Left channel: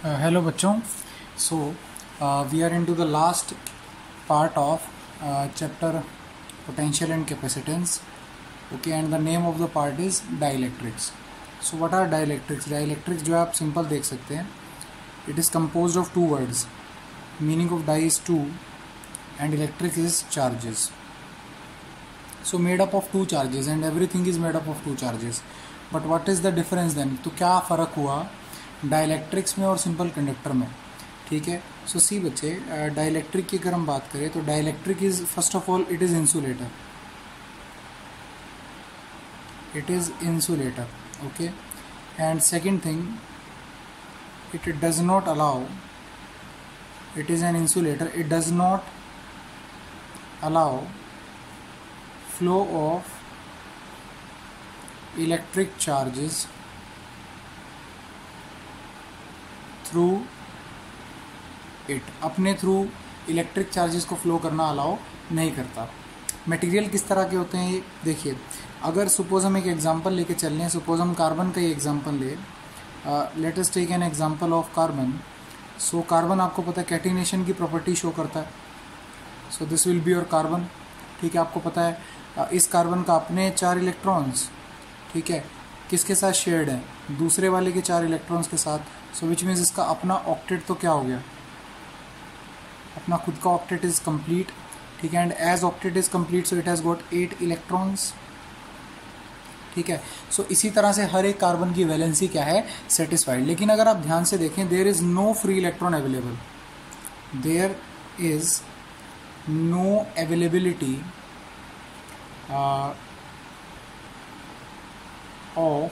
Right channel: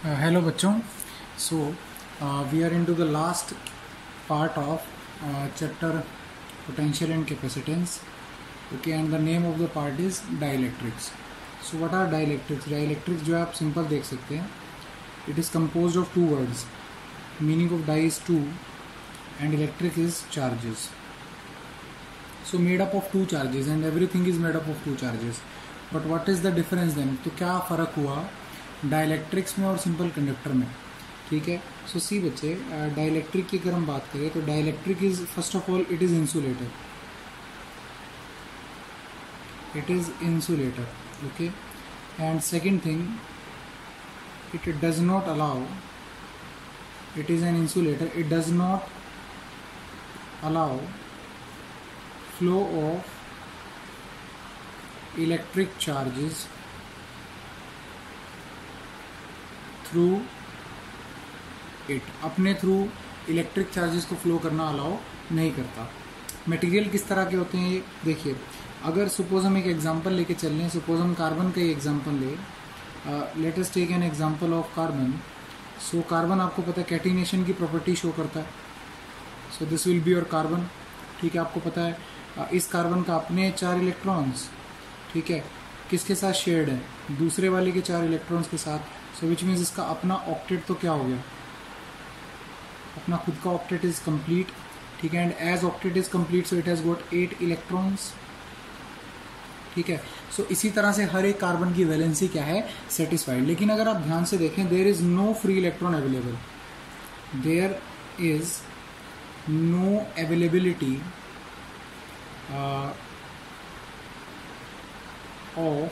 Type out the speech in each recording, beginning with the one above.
Hello बच्चों. So we are into the last part of chapter potential and capacitance. Okay, and the name of the part is dielectrics. So what are dielectrics? Dielectrics जो आप simple देख सकते हैं. It is composed of two words. Meaning of die is two, and electric is charges. So made up of two charges, and everything is made up of two charges. But what is the difference then? तो क्या फ़र्क हुआ dielectrics में और simple conductor में? ठीक है. सो सी बच्चे, डाइलेक्ट्रिक की अगर हम बात करें तो dielectric is first of all it is insulator. It is insulator. Okay. And second thing, it does not allow, it is an insulator, it does not allow flow of electric charges through it. अपने through electric charges को flow करना allow नहीं करता. Material किस तरह के होते हैं ये देखिए. अगर सपोज हम एक एग्जांपल लेके चल लें, सपोज हम कार्बन का ही एग्जांपल ले. Let us take an example of carbon. So carbon आपको पता है कैटिनेशन की प्रॉपर्टी शो करता है. So this will be your carbon. ठीक है, आपको पता है इस कार्बन का अपने 4 इलेक्ट्रॉन्स, ठीक है, किसके साथ शेयर्ड है? दूसरे वाले के 4 इलेक्ट्रॉन्स के साथ. सो विच मीन्स इसका अपना ऑक्टेट तो क्या हो गया? अपना खुद का ऑक्टेट इज कंप्लीट. ठीक है, and as octet is complete so it has got 8 electrons. ठीक है. सो इसी तरह से हर एक कार्बन की वैलेंसी क्या है? सेटिस्फाइड. लेकिन अगर आप ध्यान से देखें, there is no free electron available. There is no availability of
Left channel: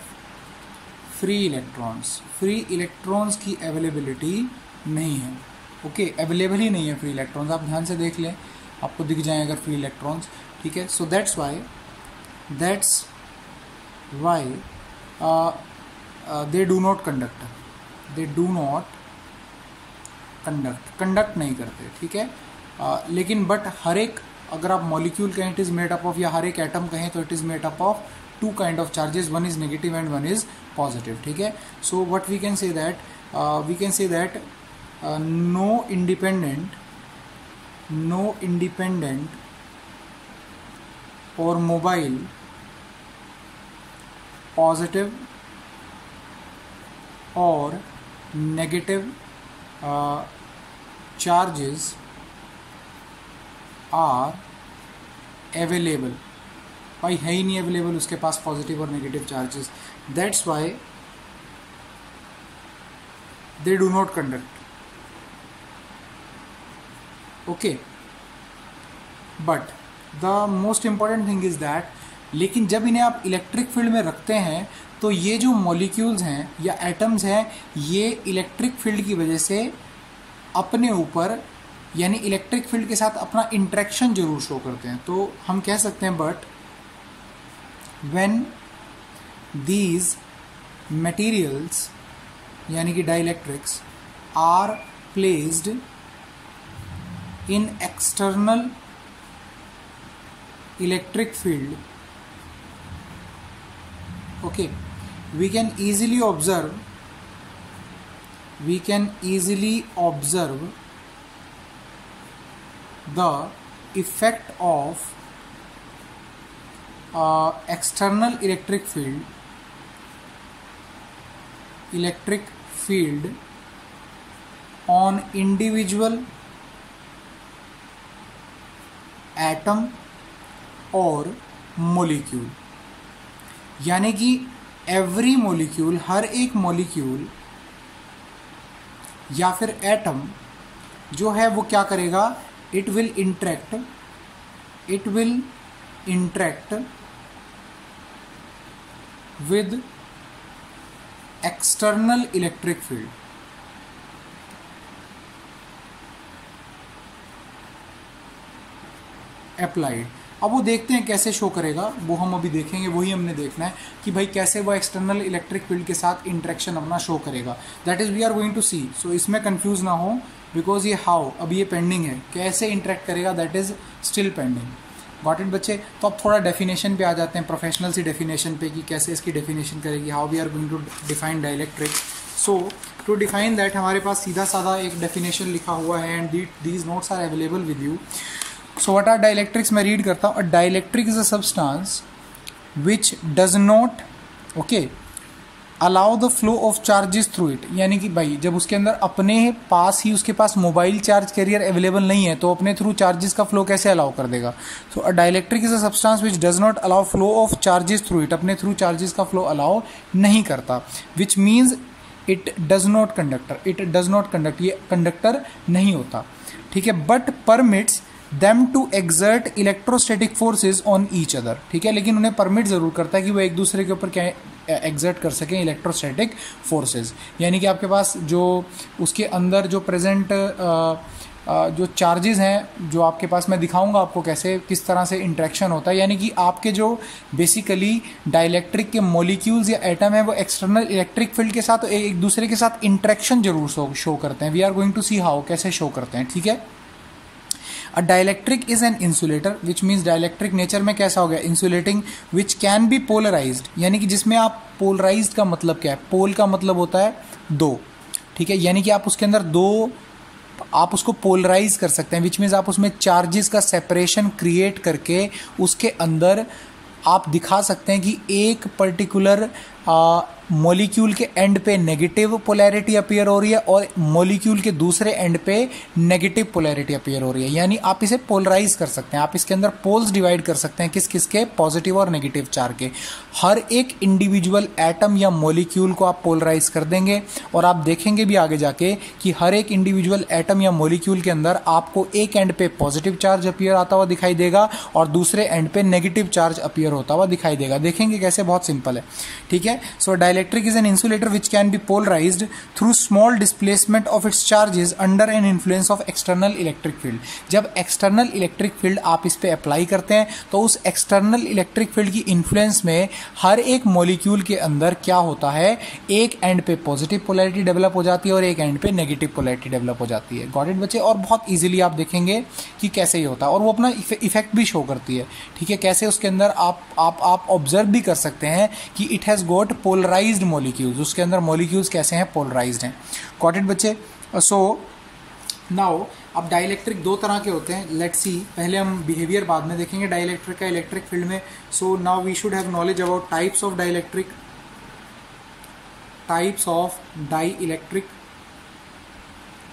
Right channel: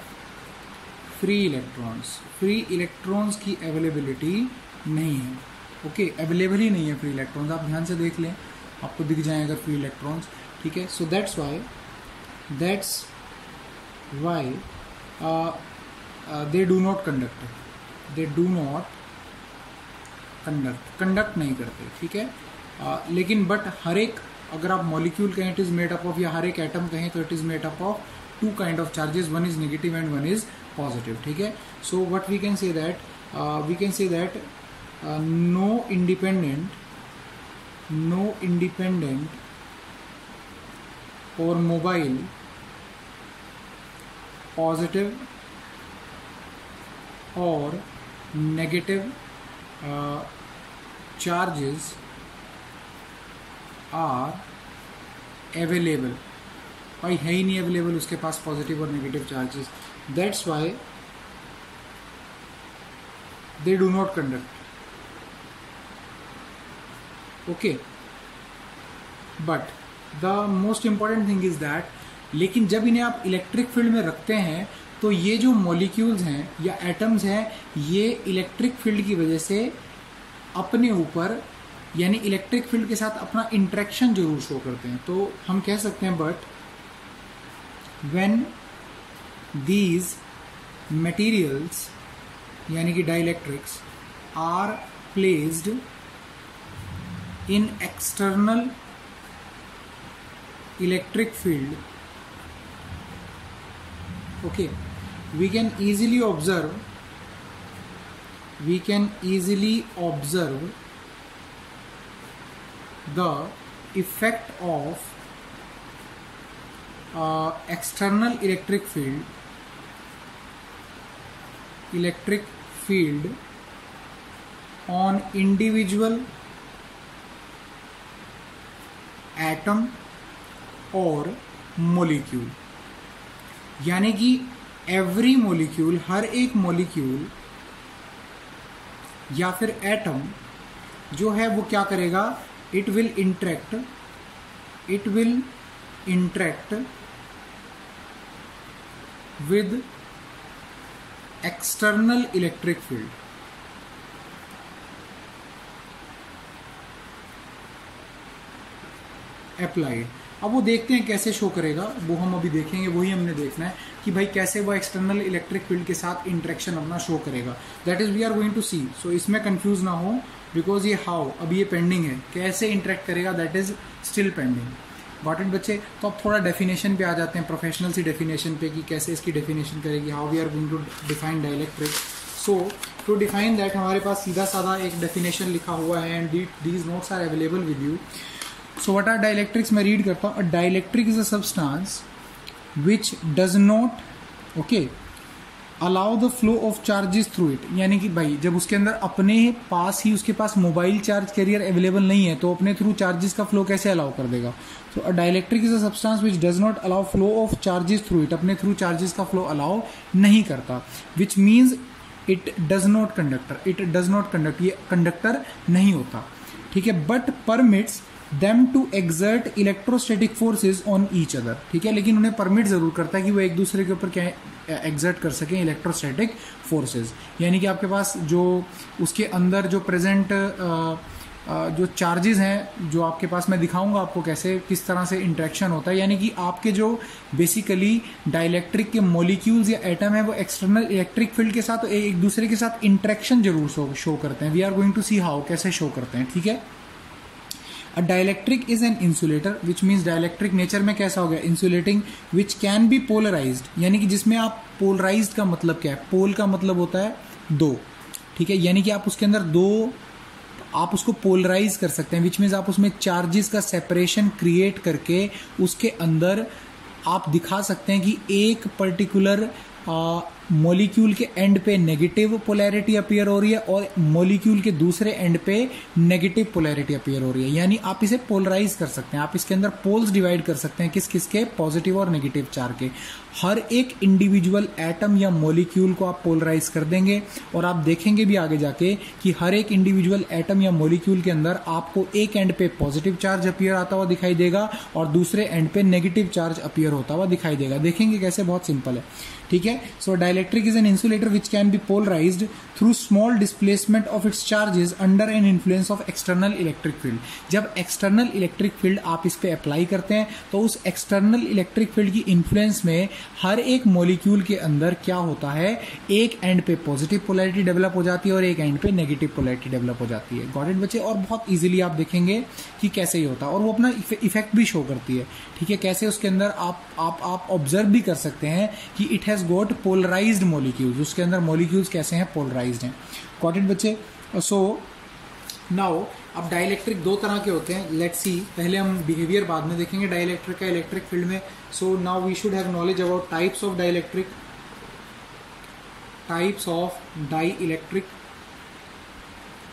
free electrons. Free electrons की अवेलेबिलिटी नहीं है. ओके, अवेलेबल ही नहीं है फ्री इलेक्ट्रॉन्स. आप ध्यान से देख लें, आपको दिख जाए अगर फ्री इलेक्ट्रॉन्स. ठीक है. So that's why they do not conduct. They do not conduct नहीं करते. ठीक है. लेकिन बट हर एक, अगर आप मॉलिक्यूल कहें it is made up of, या हर एक एटम कहें तो it is made up of two kind of charges. One is negative and one is positive. ठीक है. So what we can say that no independent or mobile positive or negative charges are available. भाई है ही नहीं available उसके पास positive और negative charges. That's why they do not conduct. Okay. But the most important thing is that, लेकिन जब इन्हें आप electric field में रखते हैं तो ये जो मॉलिक्यूल्स हैं या एटम्स हैं, ये इलेक्ट्रिक फील्ड की वजह से अपने ऊपर, यानी इलेक्ट्रिक फील्ड के साथ अपना इंटरेक्शन जरूर शो करते हैं. तो हम कह सकते हैं, बट when these materials यानी कि dielectrics are placed in external electric field, okay, we can easily observe the effect of external electric field on individual atom और molecule. यानी कि every molecule, हर एक molecule या फिर atom जो है वो क्या करेगा? it will interact with external electric field. applied. अब वो देखते हैं कैसे शो करेगा, वो हम अभी देखेंगे. वही हमने देखना है कि भाई कैसे वो एक्सटर्नल इलेक्ट्रिक फील्ड के साथ इंटरेक्शन अपना शो करेगा. That is we are going to see. So इसमें कंफ्यूज ना हो, बिकॉज ये हाउ, अभी ये पेंडिंग है. कैसे इंटरेक्ट करेगा that is still pending. Got it बच्चे? तो अब थोड़ा डेफिनेशन पे आ जाते हैं, प्रोफेशनल सी डेफिनेशन पे कि कैसे इसकी डेफिनेशन करेगी, how we are going to define dielectric. So to define that हमारे पास सीधा साधा एक डेफिनेशन लिखा हुआ है and these notes are available with you. So what are dielectrics, मैं रीड करता हूँ. A dielectric is a substance which does not allow the flow of charges through it. यानी कि भाई जब उसके अंदर अपने पास ही उसके पास मोबाइल चार्ज कैरियर अवेलेबल नहीं है तो अपने थ्रू चार्जेस का फ्लो कैसे अलाउ कर देगा. So a dielectric is a substance which does not allow flow of charges through it. अपने थ्रू चार्जेस का फ्लो अलाउ नहीं करता. Which means it does not conduct, ये कंडक्टर नहीं होता. ठीक है. But permits them to exert electrostatic forces on each other. ठीक है. लेकिन उन्हें परमिट जरूर करता है कि वो एक दूसरे के ऊपर क्या एग्जर्ट कर सकें इलेक्ट्रोस्टैटिक फोर्सेस. यानी कि आपके पास जो उसके अंदर जो प्रेजेंट जो चार्जेस हैं जो आपके पास, मैं दिखाऊंगा आपको कैसे किस तरह से इंटरेक्शन होता है. यानी कि आपके जो बेसिकली डाइलेक्ट्रिक के मॉलिक्यूल्स या एटम है वो एक्सटर्नल इलेक्ट्रिक फील्ड के साथ एक दूसरे के साथ इंटरेक्शन जरूर शो करते हैं. We are going to see how, कैसे शो करते हैं. ठीक है. A dielectric is an insulator, which means dielectric nature में कैसा हो गया, insulating, which can be polarized. यानी कि जिसमें आप polarized का मतलब क्या है, पोल का मतलब होता है दो. ठीक है. यानी कि आप उसके अंदर दो, आप उसको पोलराइज कर सकते हैं. विच मीन्स आप उसमें चार्जेस का सेपरेशन क्रिएट करके उसके अंदर आप दिखा सकते हैं कि एक पर्टिकुलर मॉलिक्यूल के एंड पे नेगेटिव पोलैरिटी अपीयर हो रही है और मॉलिक्यूल के दूसरे एंड पे नेगेटिव पोलैरिटी अपीयर हो रही है. यानी आप इसे पोलराइज कर सकते हैं. आप इसके अंदर पोल्स डिवाइड कर सकते हैं किस किस के, पॉजिटिव और नेगेटिव चार्ज के. हर एक इंडिविजुअल एटम या मॉलिक्यूल को आप पोलराइज कर देंगे और आप देखेंगे भी आगे जाके कि हर एक इंडिविजुअल एटम या मॉलिक्यूल के अंदर आपको एक एंड पे पॉजिटिव चार्ज अपीयर आता हुआ दिखाई देगा और दूसरे एंड पे नेगेटिव चार्ज अपीयर होता हुआ दिखाई देगा. देखेंगे कैसे, बहुत सिंपल है. ठीक है. So dielectric is an insulator which can be polarised through small displacement of its charges under an influence of external electric field. जब एक्सटर्नल इलेक्ट्रिक फील्ड आप इस पे अप्लाई करते हैं तो उस एक्सटर्नल इलेक्ट्रिक फील्ड की इन्फ्लुएंस में हर एक मॉलिक्यूल के अंदर क्या होता है, एक एंड पे पॉजिटिव पोलैरिटी डेवलप हो जाती है और एक एंड पे नेगेटिव पोलैरिटी डेवलप हो जाती है. गॉट इट बच्चे. और बहुत इजीली आप देखेंगे कि कैसे ही होता है और वो अपना इफेक्ट भी शो करती है. ठीक है. कैसे उसके अंदर आप ऑब्जर्व भी कर सकते हैं कि it has got polarized molecules. उसके अंदर मॉलिक्यूल्स कैसे हैं, पोलराइज्ड हैं. गॉट इट बच्चे. सो नाउ अब डाइलेक्ट्रिक दो तरह के होते हैं. लेट्स सी, पहले हम बिहेवियर बाद में देखेंगे डाइलेक्ट्रिक का इलेक्ट्रिक फील्ड में. So now we should have knowledge about types of dielectric. Types of dielectric.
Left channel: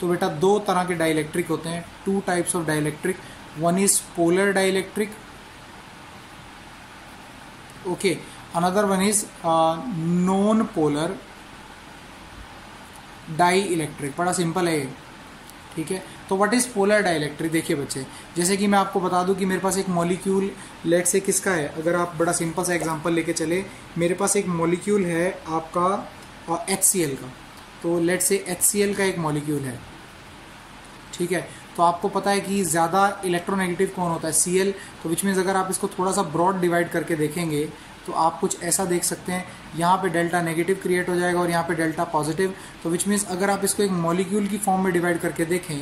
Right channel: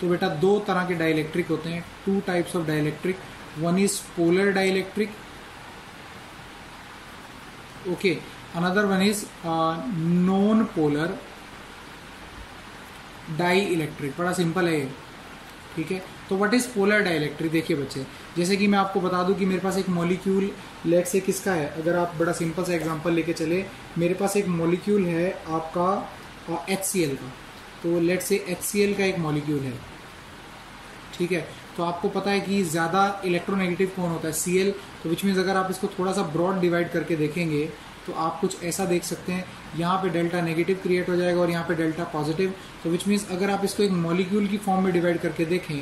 तो बेटा दो तरह के डाइलेक्ट्रिक होते हैं. Two types of dielectric. One is polar dielectric. Okay. Another one is non polar dielectric. बड़ा simple है ये. ठीक है. तो व्हाट इज पोलर डाइलेक्ट्रिक. देखिए बच्चे, जैसे कि मैं आपको बता दूं कि मेरे पास एक मॉलिक्यूल लेट से किसका है. अगर आप बड़ा सिंपल सा एग्जांपल लेके चले, मेरे पास एक मॉलिक्यूल है आपका HCl का. तो लेट से HCl का एक मॉलिक्यूल है. ठीक है. तो आपको पता है कि ज्यादा इलेक्ट्रोनेगेटिव कौन होता है, Cl. तो विच मीन्स अगर आप इसको थोड़ा सा ब्रॉड डिवाइड करके देखेंगे तो आप कुछ ऐसा देख सकते हैं. यहाँ पे डेल्टा नेगेटिव क्रिएट हो जाएगा और यहाँ पे डेल्टा पॉजिटिव. तो विच मीन्स अगर आप इसको एक मॉलिक्यूल की फॉर्म में डिवाइड करके देखें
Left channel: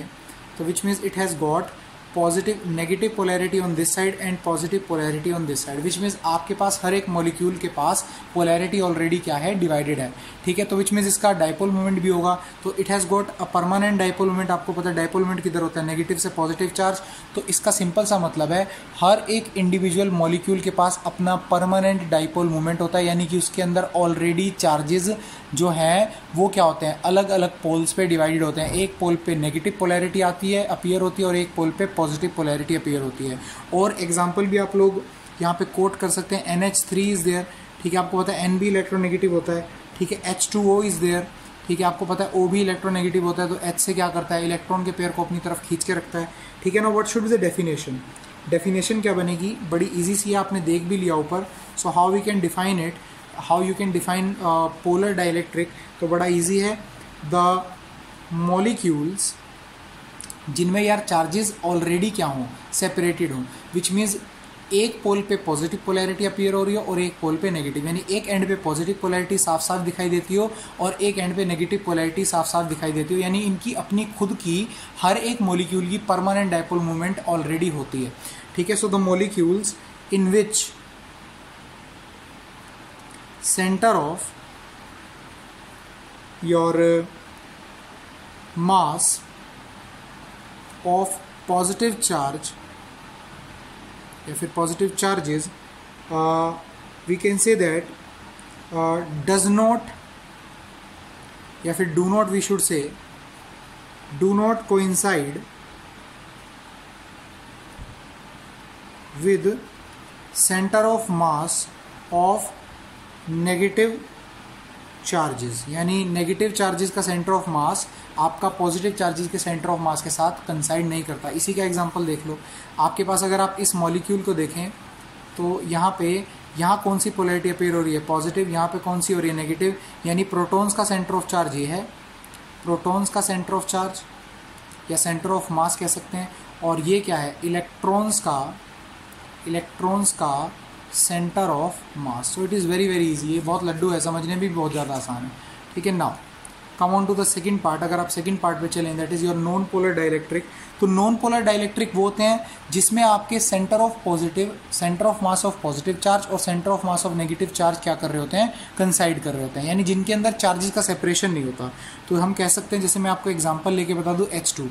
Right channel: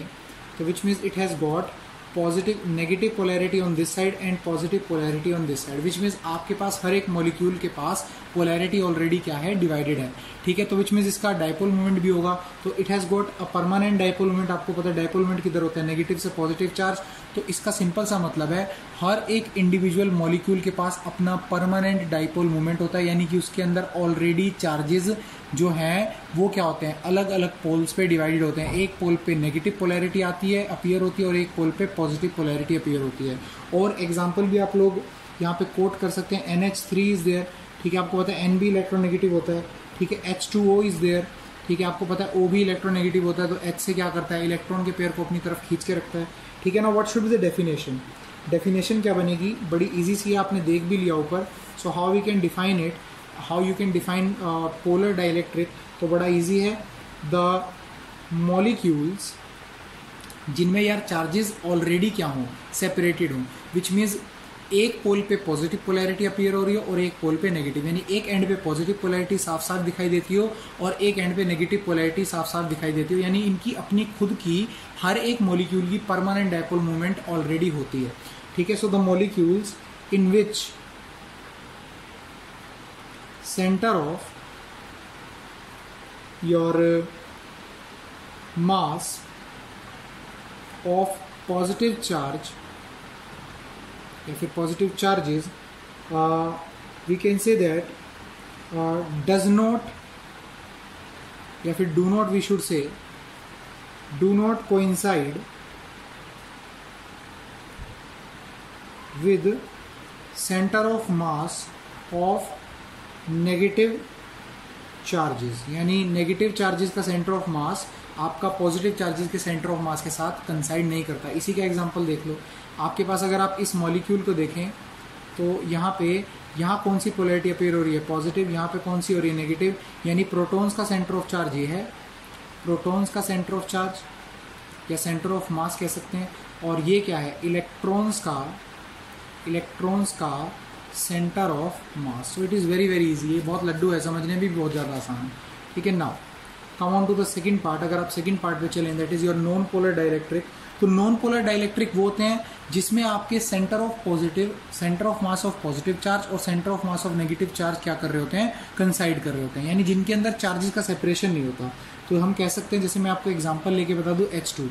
तो which means it has got positive negative polarity on this side and positive polarity on this side. Which means आपके पास हर एक मॉलिक्यूल के पास पोलैरिटी ऑलरेडी क्या है, डिवाइडेड है. ठीक है. तो विच मीन्स इसका डाइपोल मोमेंट भी होगा. तो it has got a permanent dipole moment. आपको पता है डाइपोल मोमेंट किधर होता है, नेगेटिव से पॉजिटिव चार्ज. तो इसका सिंपल सा मतलब है हर एक इंडिविजुअल मॉलिक्यूल के पास अपना परमानेंट डाइपोल मोमेंट होता है. यानी कि उसके अंदर ऑलरेडी चार्जेस जो हैं वो क्या होते हैं, अलग अलग पोल्स पे डिवाइडेड होते हैं. एक पोल पे नेगेटिव पोलैरिटी आती है, अपीयर होती है और एक पोल पे पॉजिटिव पोलैरिटी अपीयर होती है. और एग्जांपल भी आप लोग यहाँ पे कोट कर सकते हैं. NH3 is there. ठीक है. आपको पता है N भी इलेक्ट्रोनेगेटिव होता है. ठीक है. H2O is there. ठीक है. आपको पता है O भी इलेक्ट्रोनेगेटिव होता है. तो H से क्या करता है, इलेक्ट्रॉन के पेयर को अपनी तरफ खींच के रखता है. ठीक है ना. What should be the definition. Definition क्या बनेगी, बड़ी इजी सी है, आपने देख भी लिया ऊपर. So how we can define it, how you can define polar dielectric. तो बड़ा इजी है. द मॉलिक्यूल्स जिनमें यार चार्जेस ऑलरेडी क्या हों, सेपरेटेड हों. विच मीन्स एक पोल पे पॉजिटिव पोलैरिटी अपीयर हो रही है और एक पोल पे नेगेटिव. यानी एक एंड पे पॉजिटिव पोलैरिटी साफ साफ दिखाई देती हो और एक एंड पे नेगेटिव पोलैरिटी साफ साफ दिखाई देती हो. यानी इनकी अपनी खुद की हर एक मॉलिक्यूल की परमानेंट डाइपोल मोमेंट ऑलरेडी होती है. ठीक है. So the molecules in which centre of your mass of positive charge या फिर positive charges, we can say that does not या फिर do not, we should say do not coincide with center of mass of negative charges, यानी negative charges का centre of मास आपका positive charges के centre of मास के साथ कंसाइड नहीं करता। इसी का एग्जांपल देख लो, आपके पास अगर आप इस मॉलिक्यूल को देखें तो यहाँ कौन सी पोलैरिटी अपीयर हो रही है, पॉजिटिव, यहाँ पे कौन सी हो रही है, नेगेटिव, यानी प्रोटॉन्स का सेंटर ऑफ चार्ज ये है, प्रोटॉन्स का सेंटर ऑफ चार्ज या सेंटर ऑफ मास कह सकते हैं, और ये क्या है, इलेक्ट्रॉन्स का centre of mass. So it is very very easy, ये बहुत लड्डू है, समझने भी बहुत ज़्यादा आसान है, ठीक है। Now come on to the second part. अगर आप सेकंड पार्ट पे चलें, that is your non polar dielectric. तो नॉन पोलर डाइलेक्ट्रिक वो होते हैं जिसमें आपके centre of mass of positive charge और centre of mass of negative charge क्या कर रहे होते हैं, कंसाइड कर रहे होते हैं, यानी जिनके अंदर चार्जेस का सेपरेशन नहीं होता। तो हम कह सकते हैं, जैसे मैं आपको एग्जाम्पल लेके बता दूं, H2,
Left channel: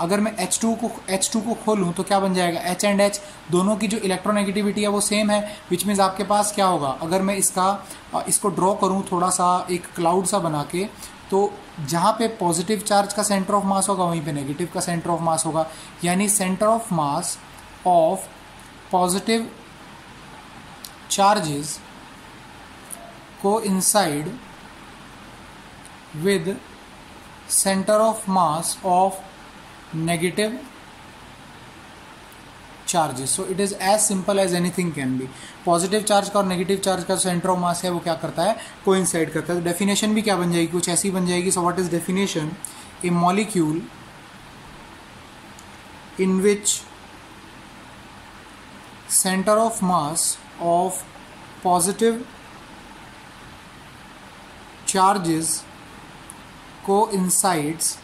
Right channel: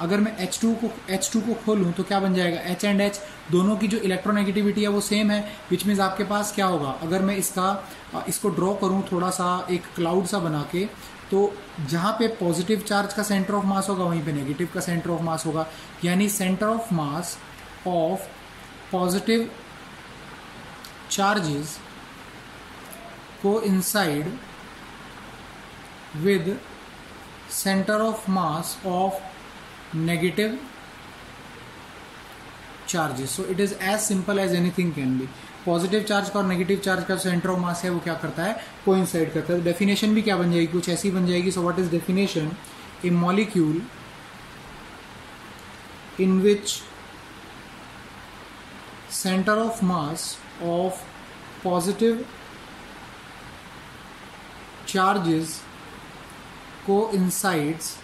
अगर मैं H2 को खोलूं तो क्या बन जाएगा, H एंड H दोनों की जो इलेक्ट्रोनेगेटिविटी है वो सेम है, विच मीन्स आपके पास क्या होगा, अगर मैं इसको ड्रॉ करूं थोड़ा सा एक क्लाउड सा बना के, तो जहाँ पे पॉजिटिव चार्ज का सेंटर ऑफ मास होगा वहीं पे नेगेटिव का सेंटर ऑफ मास होगा, यानी centre of mass of positive charges को inside with centre of mass of negative charges. So it is as simple as anything can be. Positive charge का और negative charge का centre of मास है वो क्या करता है, कोइंसाइड करता है। डेफिनेशन भी क्या बन जाएगी, कुछ ऐसी बन जाएगी। सो what is definition, A molecule in which centre of mass of positive charges coincides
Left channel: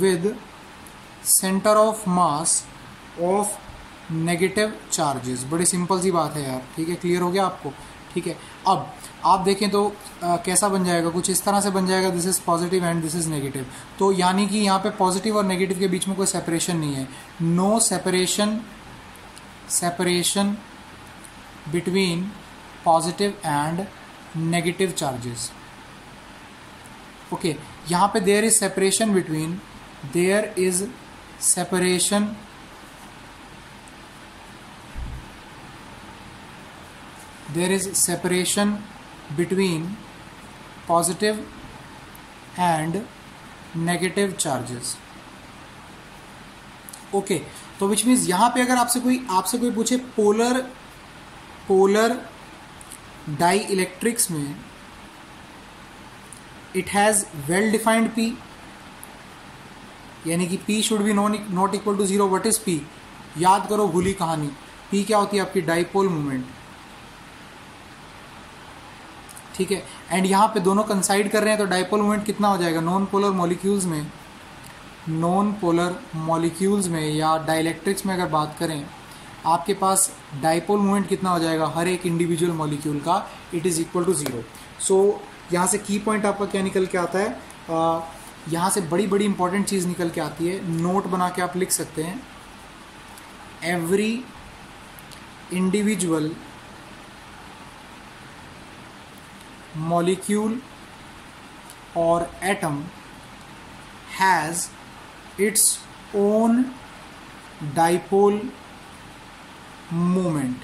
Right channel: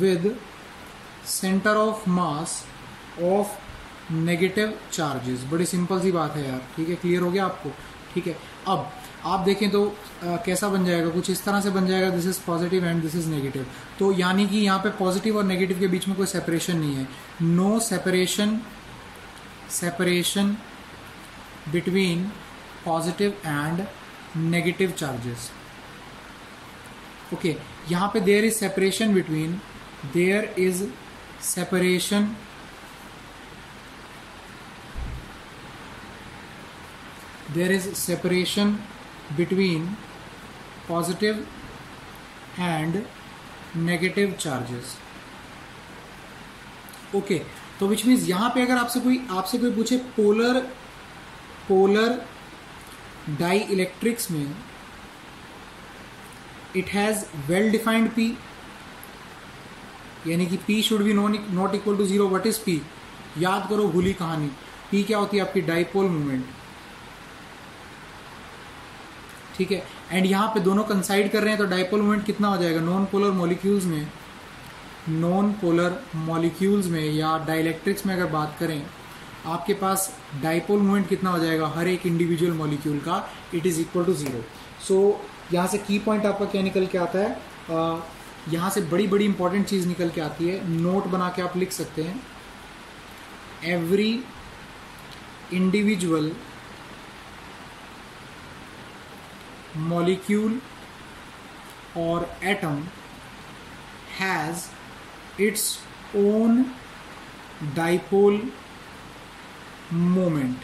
with centre of mass of negative charges. बड़ी सिंपल सी बात है यार, ठीक है, क्लियर हो गया आपको, ठीक है। अब आप देखें तो कैसा बन जाएगा, कुछ इस तरह से बन जाएगा, this is positive and this is negative. तो यानी कि यहाँ पे पॉजिटिव और नेगेटिव के बीच में कोई सेपरेशन नहीं है, no separation between positive and negative charges. Okay, यहाँ पे there is separation between positive and negative charges. Okay, तो विच मीन्स यहाँ पे अगर आपसे कोई पूछे पोलर डाई इलेक्ट्रिक्स में it has well defined P, यानी कि P should be not equal to 0। What is P, याद करो, भूली कहानी। P क्या होती है, आपकी डाइपोल मूवमेंट, ठीक है। एंड यहाँ पे दोनों कंसाइड कर रहे हैं, तो डाइपोल मूवमेंट कितना हो जाएगा, नॉन पोलर मॉलिक्यूल्स में या डाइलेक्ट्रिक्स में अगर बात करें, आपके पास डाइपोल मूवमेंट कितना हो जाएगा हर एक इंडिविजुअल मॉलिक्यूल का, इट इज इक्वल टू 0। सो यहाँ से की पॉइंट आपका क्या निकल के आता है, यहाँ से बड़ी इंपॉर्टेंट चीज निकल के आती है, नोट बना के आप लिख सकते हैं, every individual molecule or atom has its own dipole moment,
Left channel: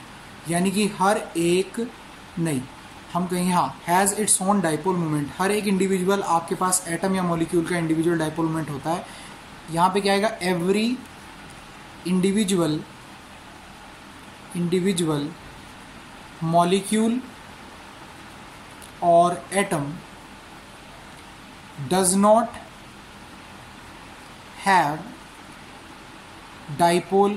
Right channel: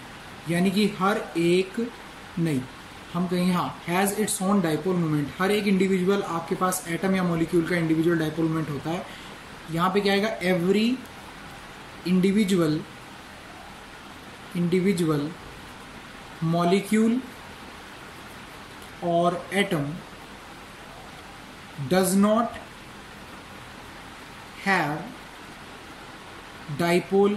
यानी कि हर एक नहीं, हम कहें हाँ, has its own dipole moment. हर एक इंडिविजुअल आपके पास एटम या मॉलिक्यूल का इंडिविजुअल डाइपोल मोमेंट होता है। यहाँ पे क्या आएगा, एवरी इंडिविजुअल मॉलिक्यूल और atom does not have dipole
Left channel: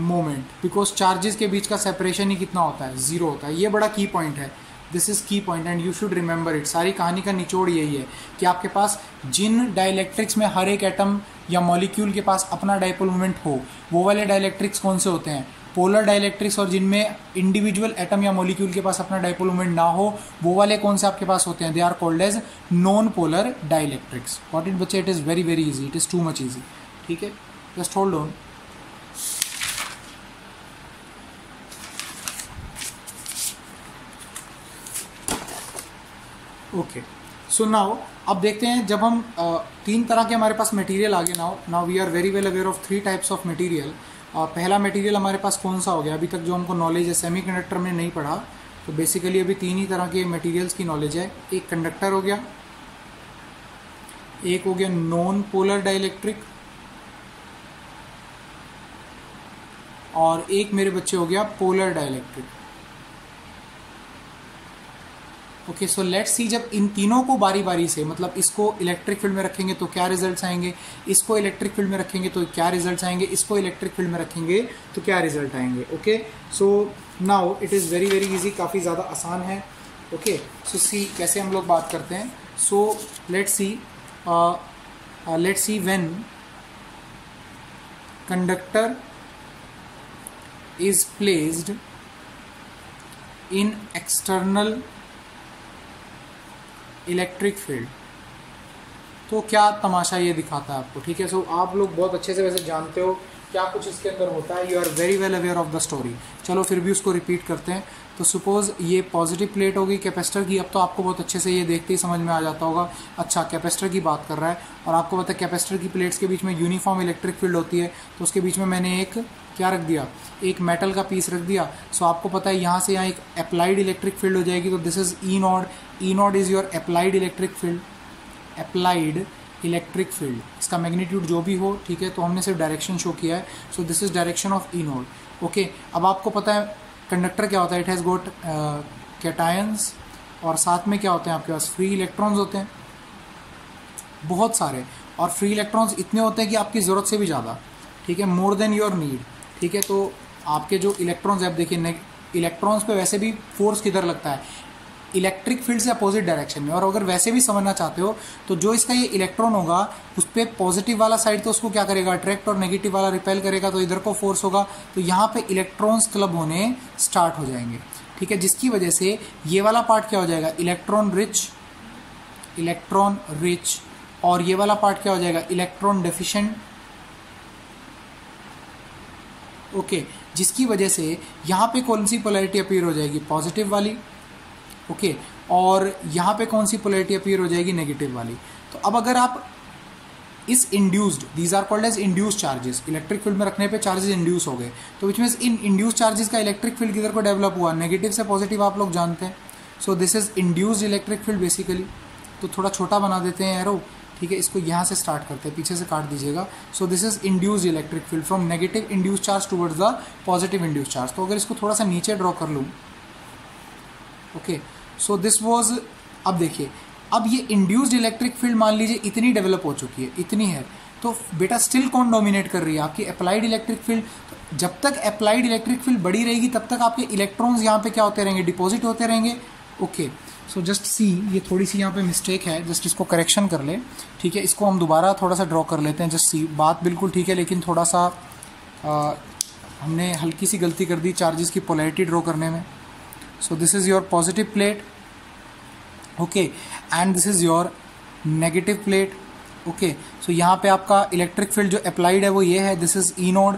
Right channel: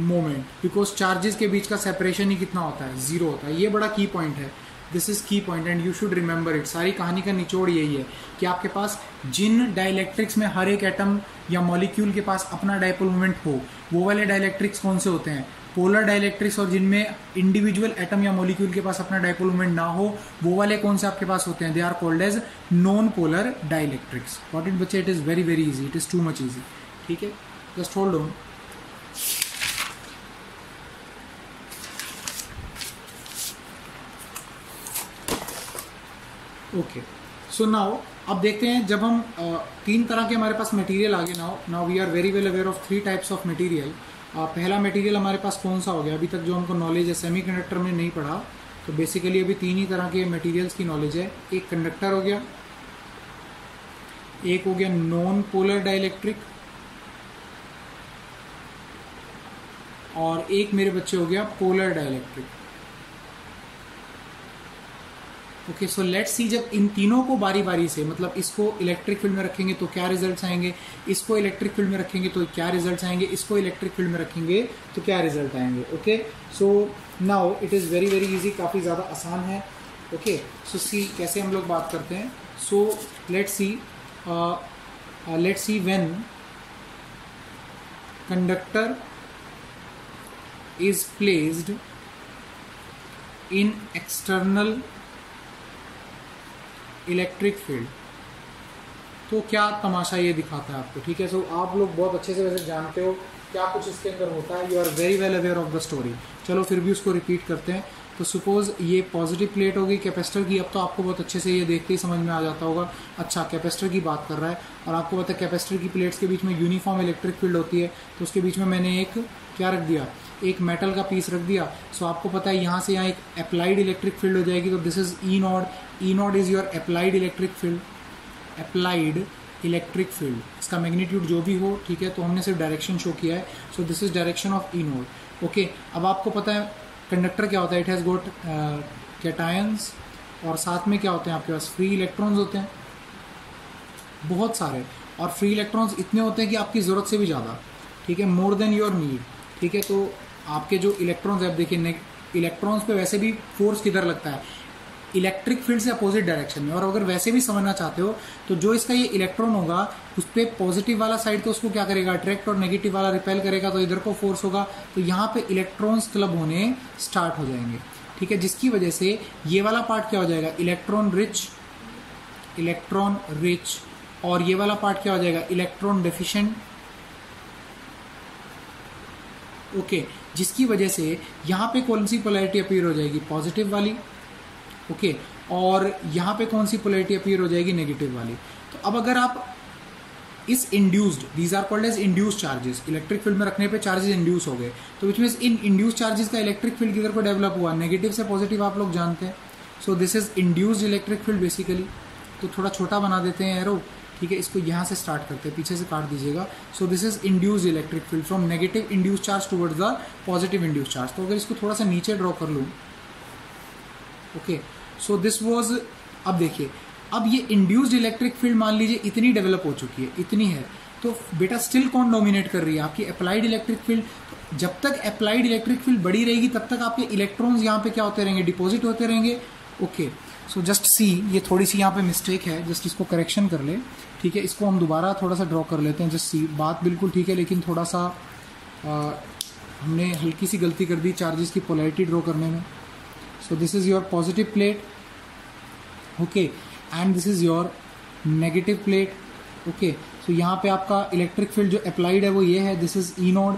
moment because charges के बीच का सेपरेशन ही कितना होता है, 0 होता है। ये बड़ा की पॉइंट है, दिस इज की point and you should remember it. सारी कहानी का निचोड़ यही है कि आपके पास जिन डाइलेक्ट्रिक्स में हर एक एटम या मॉलिक्यूल के पास अपना डाइपोल मोमेंट हो, वो वाले डाइलेक्ट्रिक्स कौन से होते हैं, पोलर डाइलेक्ट्रिक्स और जिनमें इंडिविजुअल एटम या मॉलिक्यूल के पास अपना डाइपोल मोमेंट ना हो, वो वाले कौन से आपके पास होते हैं? They are called as non polar dielectrics. What it बच्चे, it is very very easy, it is too much easy. ठीक है, just hold on. Okay, so now अब देखते हैं, जब हम तीन तरह के हमारे पास मटेरियल आ गए, now we are very well aware of three types of material. पहला मटेरियल हमारे पास कौन सा हो गया? अभी तक जो हमको नॉलेज है सेमीकंडक्टर में नहीं पढ़ा, तो बेसिकली अभी तीन ही तरह के मटेरियल्स की नॉलेज है। एक कंडक्टर हो गया, एक हो गया नॉन पोलर डाइलेक्ट्रिक, और एक मेरे बच्चे हो गया polar dielectric. Okay, so let's see, जब इन तीनों को बारी बारी से, मतलब इसको इलेक्ट्रिक फील्ड में रखेंगे तो क्या रिजल्ट्स आएंगे, इसको इलेक्ट्रिक फील्ड में रखेंगे तो क्या रिजल्ट्स आएंगे, इसको इलेक्ट्रिक फील्ड में रखेंगे तो क्या रिजल्ट आएंगे। Okay, so now it is very very easy, काफ़ी ज़्यादा आसान है। ओके, सो सी कैसे हम लोग बात करते हैं। So let's see when conductor is placed in external electric field, तो क्या तमाशा ये दिखाता है आपको। ठीक है, सो आप लोग बहुत अच्छे से वैसे जानते हो क्या कुछ इसके अंदर होता है, you are very well aware of the story. चलो फिर भी उसको रिपीट करते हैं। तो सपोज ये पॉजिटिव प्लेट होगी कैपेसिटर की, अब तो आपको बहुत अच्छे से ये देखते ही समझ में आ जाता होगा। अच्छा, कैपेसिटर की बात कर रहा है, और आपको पता है कैपेसिटर की प्लेट्स के बीच में यूनिफॉर्म इलेक्ट्रिक फील्ड होती है, तो उसके बीच में मैंने एक क्या रख दिया, एक मेटल का पीस रख दिया। सो आपको पता है यहाँ से यहाँ एक अप्लाइड इलेक्ट्रिक फील्ड हो जाएगी, तो this is E not. E not is your applied electric field, applied electric field, इसका मैग्नीट्यूड जो भी हो। ठीक है, तो हमने सिर्फ डायरेक्शन शो किया है। So this is direction of E not. Okay, अब आपको पता है कंडक्टर क्या होता है, इट हैज़ गॉट कैटायंस, और साथ में क्या होते हैं आपके पास फ्री इलेक्ट्रॉन्स होते हैं बहुत सारे, और फ्री इलेक्ट्रॉन्स इतने होते हैं कि आपकी ज़रूरत से भी ज़्यादा। ठीक है, मोर देन योर नीड। ठीक है, तो आपके जो इलेक्ट्रॉन्स है, आप देखिए इलेक्ट्रॉन्स पे वैसे भी फोर्स किधर लगता है, इलेक्ट्रिक फील्ड से अपोजिट डायरेक्शन में। और अगर वैसे भी समझना चाहते हो तो जो इसका ये इलेक्ट्रॉन होगा उस पर पॉजिटिव वाला साइड तो उसको क्या करेगा, अट्रैक्ट, और नेगेटिव वाला रिपेल करेगा, तो इधर को फोर्स होगा, तो यहाँ पे इलेक्ट्रॉन्स क्लब होने स्टार्ट हो जाएंगे। ठीक है, जिसकी वजह से ये वाला पार्ट क्या हो जाएगा, इलेक्ट्रॉन रिच, और ये वाला पार्ट क्या हो जाएगा, इलेक्ट्रॉन डेफिशिएंट। ओके, जिसकी वजह से यहाँ पे कौन सी पोलैरिटी अपीयर हो जाएगी, पॉजिटिव वाली। ओके, और यहाँ पे कौन सी पोलैरिटी अपीयर हो जाएगी, नेगेटिव वाली। तो अब अगर आप इस induced, these are called as induced charges, electric field में रखने पे चार्जेस इंड्यूस हो गए, तो विच मीन्स इन इंड्यूस्ड चार्जेस का इलेक्ट्रिक फील्ड किधर को डेवलप हुआ, नेगेटिव से पॉजिटिव, आप लोग जानते हैं। सो this is induced electric field basically. तो थोड़ा छोटा बना देते हैं एरो। ठीक है, इसको यहाँ से स्टार्ट करते हैं, पीछे से काट दीजिएगा। सो this is induced electric field from negative induced charge towards the positive induced charge. तो अगर इसको थोड़ा सा नीचे ड्रॉ कर लूँ, ओके, सो दिस वाज, अब देखिए, अब ये इंड्यूस्ड इलेक्ट्रिक फील्ड मान लीजिए इतनी डेवलप हो चुकी है, इतनी है, तो बेटा स्टिल कौन डोमिनेट कर रही है, आपकी अप्लाइड इलेक्ट्रिक फील्ड। तो जब तक अप्लाइड इलेक्ट्रिक फील्ड बढ़ी रहेगी तब तक आपके इलेक्ट्रॉन्स यहाँ पे क्या होते रहेंगे, डिपॉजिट होते रहेंगे। ओके, सो जस्ट सी, ये थोड़ी सी यहाँ पे मिस्टेक है, जस्ट इसको करेक्शन कर ले। ठीक है, इसको हम दोबारा थोड़ा सा ड्रॉ कर लेते हैं। जस्ट सी, बात बिल्कुल ठीक है, लेकिन थोड़ा सा हमने हल्की सी गलती कर दी चार्जेस की पोलैरिटी ड्रॉ करने में। So this is your positive plate, okay, and this is your negative plate. Okay, सो यहाँ पे आपका इलेक्ट्रिक फील्ड जो अप्लाइड है वो ये है, this is E node.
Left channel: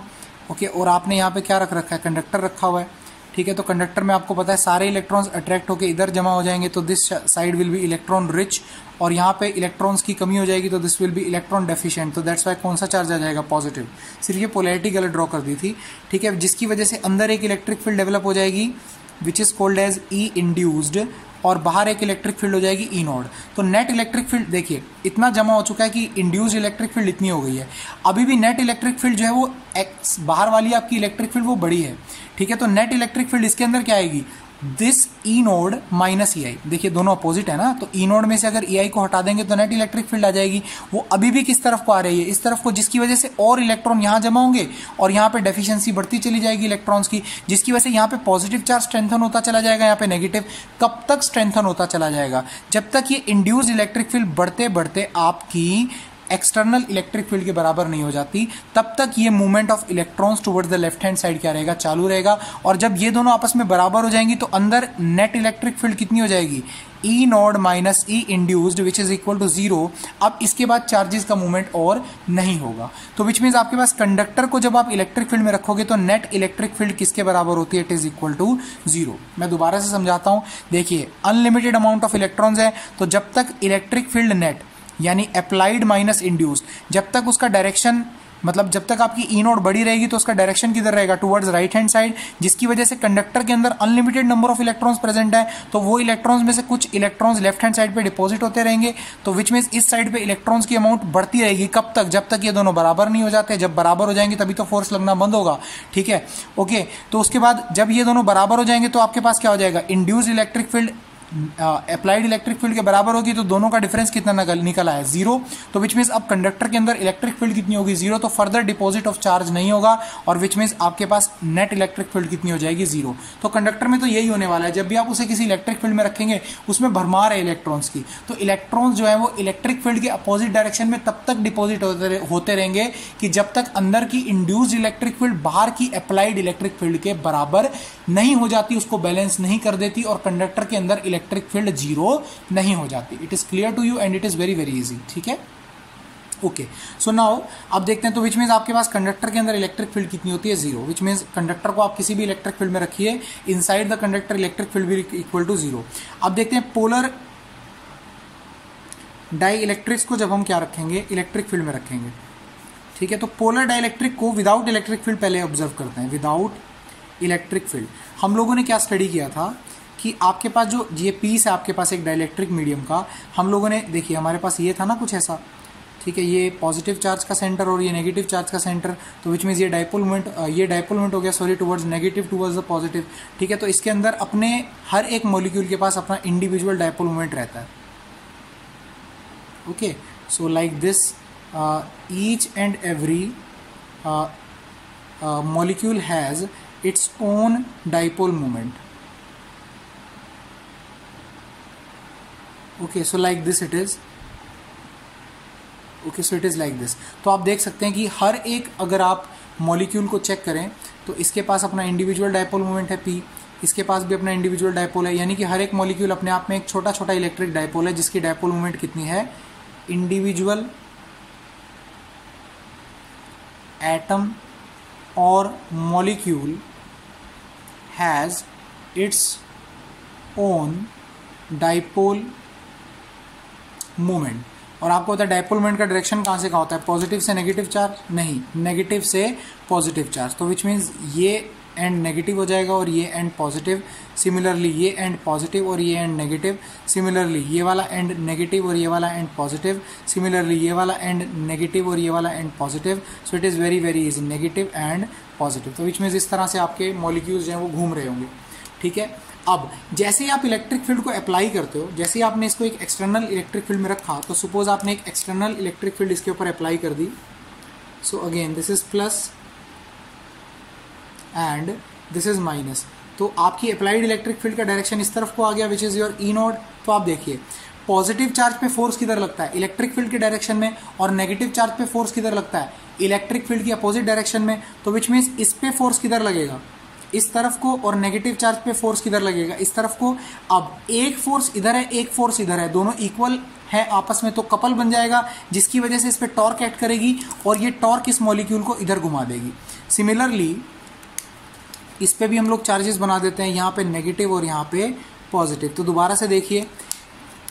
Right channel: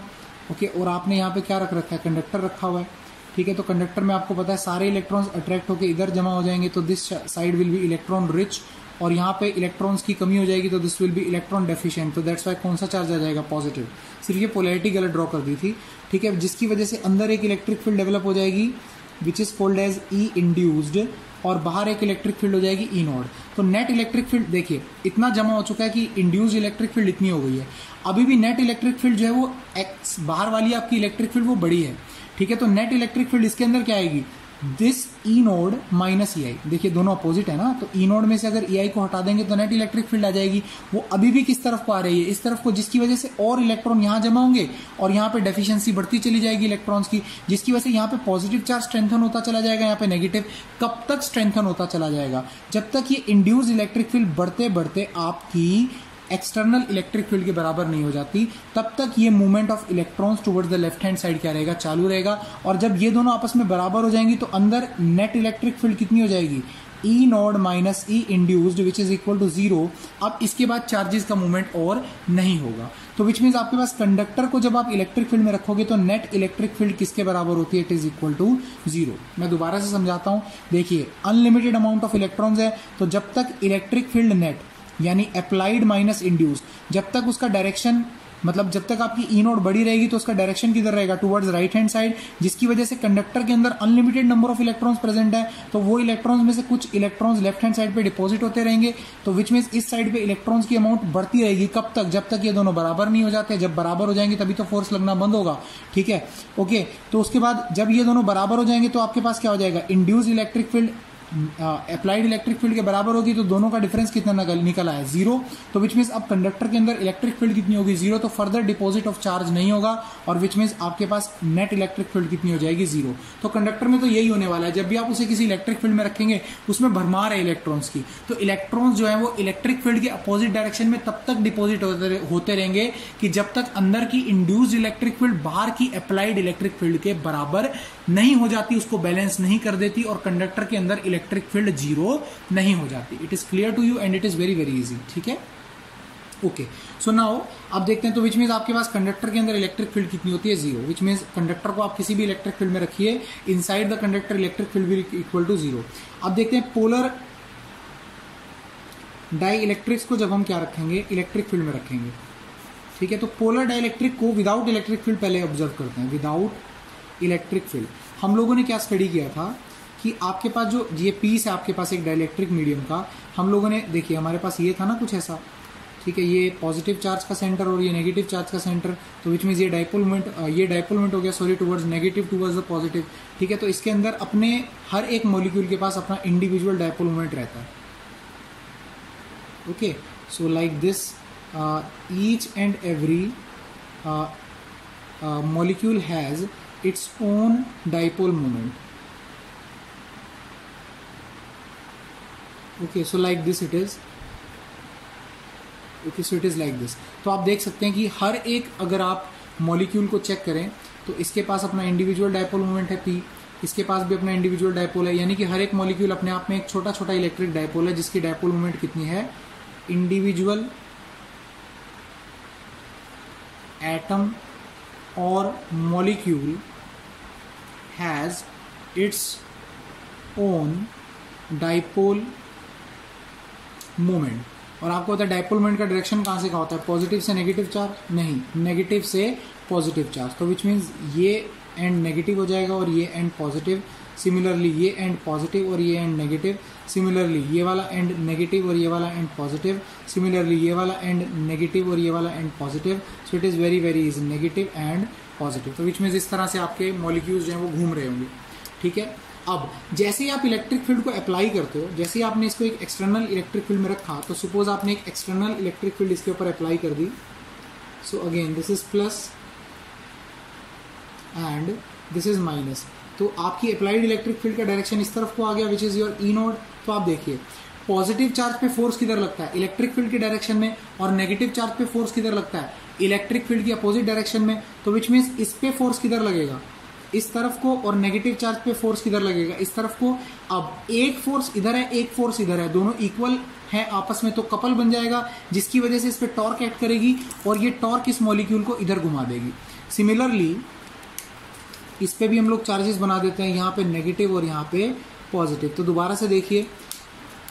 Okay, और आपने यहाँ पे क्या रख रखा है, कंडक्टर रखा हुआ है। ठीक है, तो कंडक्टर में आपको पता है सारे इलेक्ट्रॉन्स अट्रैक्ट होकर इधर जमा हो जाएंगे, तो this side will be electron rich, और यहाँ पे इलेक्ट्रॉन्स की कमी हो जाएगी, तो this will B electron deficient. तो दैट्स वाई कौन सा चार्ज आ जाएगा, पॉजिटिव। सिर्फ ये पोलैरिटी गलत ड्रॉ कर दी थी। ठीक है, जिसकी वजह से अंदर एक इलेक्ट्रिक फील्ड डेवलप हो जाएगी which is called as E induced, और बाहर एक इलेक्ट्रिक फील्ड हो जाएगी ई नोड। तो नेट इलेक्ट्रिक फील्ड देखिए इतना जमा हो चुका है कि इंड्यूस्ड इलेक्ट्रिक फील्ड इतनी हो गई है। अभी भी नेट इलेक्ट्रिक फील्ड जो है वो एक्स, बाहर वाली आपकी इलेक्ट्रिक फील्ड वो बड़ी है। ठीक है, तो नेट इलेक्ट्रिक फील्ड इसके अंदर क्या आएगी, this E naught minus E आई। देखिए दोनों अपोजिट है ना, तो ई नोड में से अगर ई आई को हटा देंगे तो नेट इलेक्ट्रिक फील्ड आ जाएगी। वो अभी भी किस तरफ को आ रही है, इस तरफ को, जिसकी वजह से और इलेक्ट्रॉन यहाँ जमा होंगे और यहाँ पे डेफिशिएंसी बढ़ती चली जाएगी इलेक्ट्रॉन्स की, जिसकी वजह से यहाँ पे पॉजिटिव चार्ज स्ट्रेंथन होता चला जाएगा, यहाँ पे नेगेटिव। कब तक स्ट्रेंथन होता चला जाएगा, जब तक ये इंड्यूस्ड इलेक्ट्रिक फील्ड बढ़ते बढ़ते आपकी एक्सटर्नल इलेक्ट्रिक फील्ड के बराबर नहीं हो जाती, तब तक ये movement of electrons towards the left hand side क्या रहेगा, चालू रहेगा। और जब ये दोनों आपस में बराबर हो जाएंगी तो अंदर नेट इलेक्ट्रिक फील्ड कितनी हो जाएगी, E naught minus E induced which is equal to 0। अब इसके बाद चार्जेस का मूवमेंट और नहीं होगा। तो विच मीन्स आपके पास कंडक्टर को जब आप इलेक्ट्रिक फील्ड में रखोगे तो नेट इलेक्ट्रिक फील्ड किसके बराबर होती है, इट इज इक्वल टू 0। मैं दोबारा से समझाता हूं, देखिए अनलिमिटेड अमाउंट ऑफ इलेक्ट्रॉन्स है, तो जब तक इलेक्ट्रिक फील्ड नेट यानी अप्लाइड माइनस इंड्यूस्ड, जब तक उसका डायरेक्शन मतलब जब तक आपकी ई नोट बड़ी रहेगी तो उसका डायरेक्शन किधर रहेगा, टुवर्ड्स राइट हैंड साइड, जिसकी वजह से कंडक्टर के अंदर unlimited number of electrons present है। तो वो इलेक्ट्रॉन्स में से कुछ इलेक्ट्रॉन्स लेफ्ट हैंड साइड पे डिपॉजिट होते रहेंगे, तो विच मीन्स इस साइड पे इलेक्ट्रॉन्स की अमाउंट बढ़ती रहेगी। कब तक, जब तक ये दोनों बराबर नहीं हो जाते। जब बराबर हो जाएंगे तभी तो फोर्स लगना बंद होगा, ठीक है, ओके। तो उसके बाद जब ये दोनों बराबर हो जाएंगे तो आपके पास क्या हो जाएगा, induced electric field applied electric field के बराबर होगी, तो दोनों का डिफरेंस कितना निकल आया, 0। तो विच मीन्स अब कंडक्टर के अंदर इलेक्ट्रिक फील्ड कितनी होगी, 0। तो फर्दर डिपॉजिट ऑफ चार्ज नहीं होगा, और विच मीन्स आपके पास नेट इलेक्ट्रिक फील्ड कितनी हो जाएगी, 0। तो कंडक्टर में तो यही होने वाला है, जब भी आप उसे किसी इलेक्ट्रिक फील्ड में रखेंगे उसमें भरमार है इलेक्ट्रॉन्स की, तो इलेक्ट्रॉन्स जो है वो इलेक्ट्रिक फील्ड के अपोजिट डायरेक्शन में तब तक डिपॉजिट होते रहेंगे कि जब तक अंदर की इंड्यूस्ड इलेक्ट्रिक फील्ड बाहर की अप्लाइड इलेक्ट्रिक फील्ड के बराबर नहीं हो जाती, उसको बैलेंस नहीं कर देती, और कंडक्टर के अंदर इलेक्ट्रिक फील्ड 0 नहीं हो जाती। It is clear to you and it is very very easy, ठीक है, ओके। सो नाउ अब देखते हैं, तो विच मीन्स आपके पास कंडक्टर के अंदर इलेक्ट्रिक फील्ड कितनी होती है, 0। विच मीन्स कंडक्टर को आप किसी भी इलेक्ट्रिक फील्ड में रखिए, inside the conductor electric field भी इक्वल टू 0। अब देखते हैं पोलर डाई इलेक्ट्रिक्स को जब हम क्या रखेंगे, इलेक्ट्रिक फील्ड में रखेंगे, ठीक है। तो पोलर डाई इलेक्ट्रिक को विदाउट इलेक्ट्रिक फील्ड पहले ऑब्जर्व करते हैं, विदाउट इलेक्ट्रिक फील्ड। हम लोगों ने क्या स्टडी किया था कि आपके पास जो ये पीस है आपके पास एक डाइलेक्ट्रिक मीडियम का, हम लोगों ने देखिए हमारे पास ये था ना कुछ ऐसा, ठीक है, ये पॉजिटिव चार्ज का सेंटर और ये नेगेटिव चार्ज का सेंटर, तो विच मीन्स ये डाइपोल मोमेंट हो गया, sorry, towards negative towards the positive, ठीक है। तो इसके अंदर अपने हर एक मॉलिक्यूल के पास अपना इंडिविजुअल डाइपोल मोमेंट रहता है, okay. So like this each and every molecule has its own dipole moment, okay, so like this it is, okay, so it is like this। तो आप देख सकते हैं कि हर एक, अगर आप मॉलिक्यूल को चेक करें तो इसके पास अपना इंडिविजुअल डाइपोल मोमेंट है P, इसके पास भी अपना इंडिविजुअल डाइपोल है, यानी कि हर एक मॉलिक्यूल अपने आप में एक छोटा छोटा इलेक्ट्रिक डाइपोल है जिसकी डाइपोल मोमेंट कितनी है, individual atom or molecule has its own dipole moment। और आपको पता है डाइपोल मोमेंट का डायरेक्शन कहां से कहां होता है, पॉजिटिव से नेगेटिव चार्ज, नहीं, नेगेटिव से पॉजिटिव चार्ज। तो विच मीन्स ये एंड नेगेटिव हो जाएगा और ये एंड पॉजिटिव, सिमिलरली ये एंड पॉजिटिव और ये एंड नेगेटिव, सिमिलरली ये वाला एंड नेगेटिव और ये वाला एंड पॉजिटिव, सिमिलरली ये वाला एंड नेगेटिव और ये वाला and positive. So it is very very easy, negative and positive. तो विच मीन्स इस तरह से आपके मॉलिक्यूल्स जो है वो घूम रहे होंगे, ठीक है। अब जैसे ही आप इलेक्ट्रिक फील्ड को अप्लाई करते हो, जैसे ही आपने इसको एक एक्सटर्नल इलेक्ट्रिक फील्ड में रखा, तो सपोज आपने एक एक्सटर्नल इलेक्ट्रिक फील्ड इसके ऊपर अप्लाई कर दी, so again this is plus and this is minus, तो आपकी अप्लाइड इलेक्ट्रिक फील्ड का डायरेक्शन इस तरफ को आ गया, which is your E naught. तो आप देखिए पॉजिटिव चार्ज पे फोर्स किधर लगता है, इलेक्ट्रिक फील्ड के डायरेक्शन में, और नेगेटिव चार्ज पे फोर्स किधर लगता है, इलेक्ट्रिक फील्ड की अपोजिट डायरेक्शन में। तो विच मीन्स इस पे फोर्स किधर लगेगा, इस तरफ को, और नेगेटिव चार्ज पे फोर्स किधर लगेगा, इस तरफ को। अब एक फोर्स इधर है, एक फोर्स इधर है, दोनों इक्वल है आपस में, तो कपल बन जाएगा, जिसकी वजह से इस पे टॉर्क एक्ट करेगी और ये टॉर्क इस मॉलिक्यूल को इधर घुमा देगी। सिमिलरली इस पे भी हम लोग चार्जेस बना देते हैं, यहाँ पे नेगेटिव और यहाँ पे पॉजिटिव। तो दोबारा से देखिए,